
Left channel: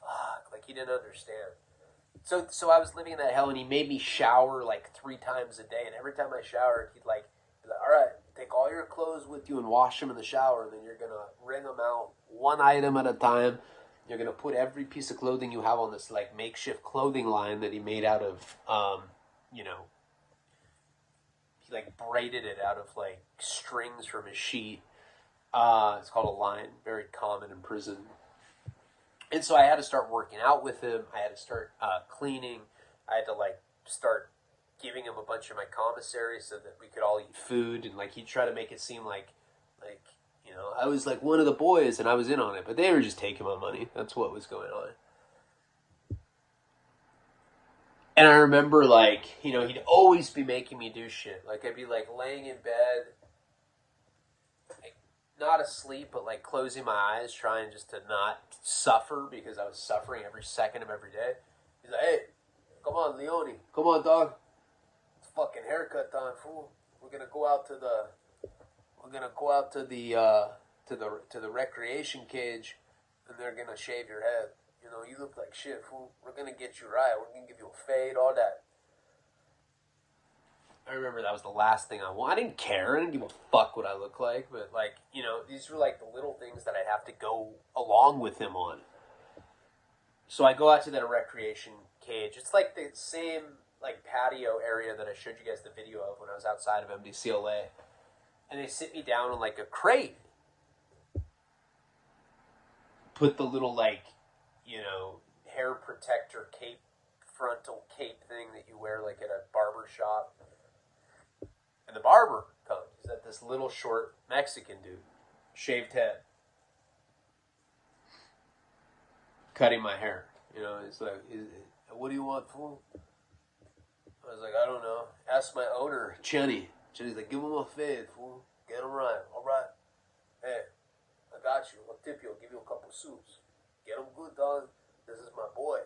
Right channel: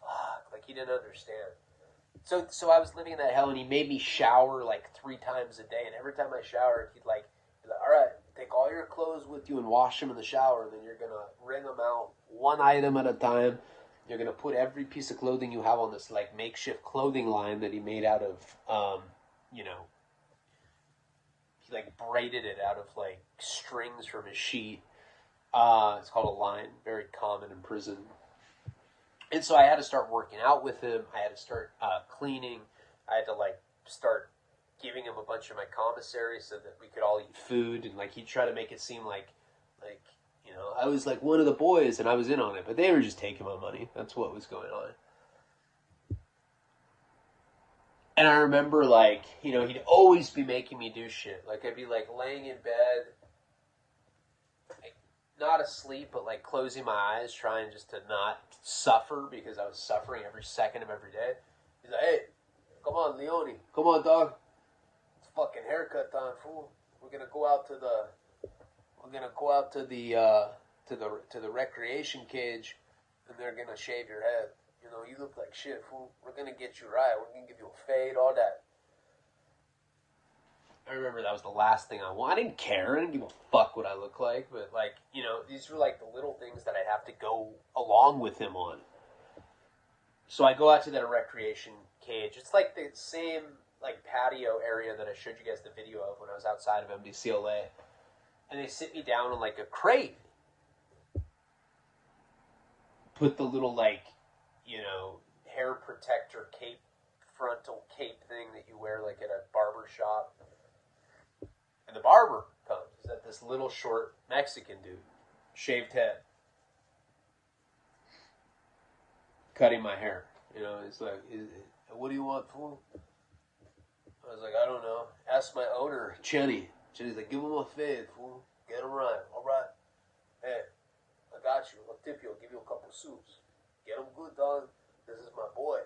fuck, like he didn't understand. So I was living in that hell, and he made me shower like 3 times a day. And every time I showered, he'd like, all right, take all your clothes with you and wash them in the shower, and then you're gonna wring them out one item at a time. You're going to put every piece of clothing you have on this, like, makeshift clothing line that he made out of, you know, he, like, braided it out of, like, strings from his sheet. It's called a line, very common in prison. And so I had to start working out with him. I had to start cleaning. I had to, like, start giving him a bunch of my commissary so that we could all eat food, and like he'd try to make it seem like you know, I was like one of the boys and I was in on it, but they were just taking my money. That's what was going on. And I remember, like, you know, he'd always be making me do shit. Like, I'd be, like, laying in bed, like, not asleep, but, like, closing my eyes, trying just to not suffer because I was suffering every second of every day. He's like, hey, come on, Leone. Come on, dog. It's fucking haircut time, fool. We're gonna go out to the to the recreation cage, and they're gonna shave your head. You know, you look like shit, fool. We're gonna get you right. We're gonna give you a fade, all that. I remember that was the last thing I wanted. I didn't care. I didn't give a fuck what I look like. But, like, you know, these were, like, the little things that I'd have to go along with him on. So I go out to that recreation cage. It's, like, the same, like, patio area that I showed you guys the video of when I was outside of MDCLA. And they sit me down on, like, a crate. Put the little, like, you know, hair protector cape, frontal cape thing that you wear, like, at a barber shop. And the barber comes at this little short Mexican dude, shaved head, cutting my hair. You know, he's like, what do you want, fool? I was like, I don't know. Ask my owner, Chenny. Chenny's like, give him a fade, fool. Get him right. All right. Hey, I got you. I'll tip you. I'll give you a couple suits. Get him good, dog. This is my boy.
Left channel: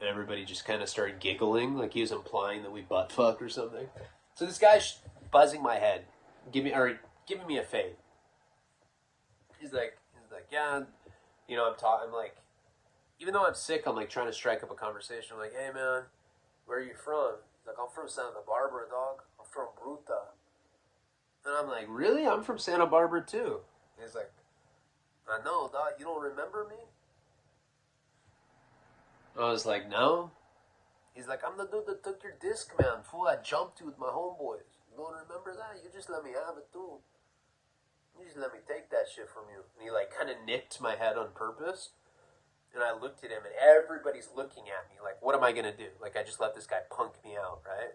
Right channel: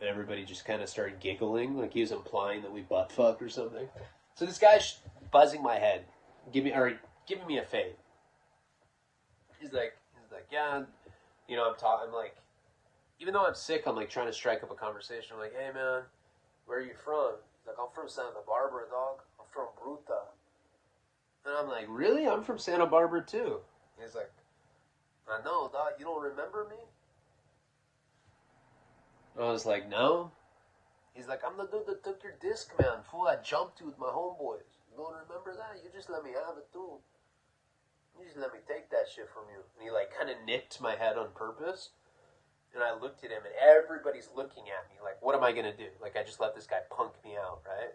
And everybody just kind of started giggling, like he was implying that we butt fucked or something. So this guy's buzzing my head, giving me a fade. He's like, yeah, you know, I'm like, even though I'm sick, I'm like trying to strike up a conversation. I'm like, hey man, where are you from? He's like, I'm from Santa Barbara, dog. I'm from Bruta. And I'm like, really? I'm from Santa Barbara too. And he's like, I know, dog. You don't remember me? I was like, no. He's like, I'm the dude that took your disc, man. Fool, I jumped you with my homeboys. You don't remember that? You just let me have it, too. You just let me take that shit from you. And he, like, kind of nicked my head on purpose. And I looked at him, and everybody's looking at me. Like, what am I going to do? Like, I just let this guy punk me out, right?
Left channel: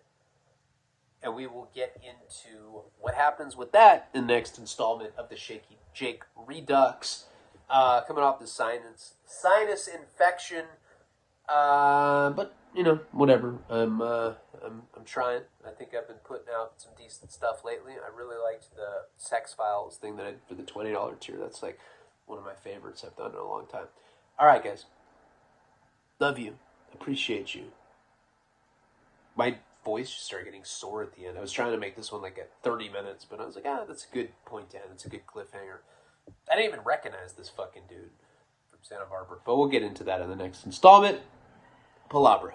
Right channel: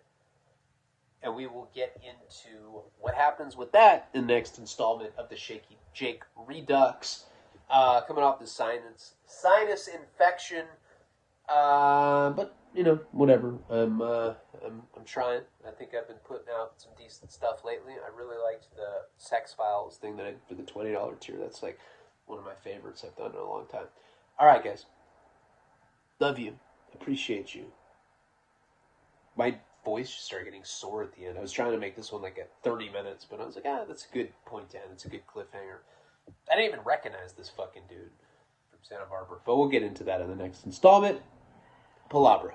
And we will get into what happens with that in the next installment of the Shaky Jake Redux. Coming off the sinus infection. But you know, whatever. I'm trying. I think I've been putting out some decent stuff lately. I really liked the Sex Files thing that I did for the $20 tier. That's like one of my favorites I've done in a long time. All right, guys. Love you. Appreciate you. My voice just started getting sore at the end. I was trying to make this one like at 30 minutes, but I was like, that's a good point to end. It's a good cliffhanger. I didn't even recognize this fucking dude from Santa Barbara. But we'll get into that in the next installment. Palabra.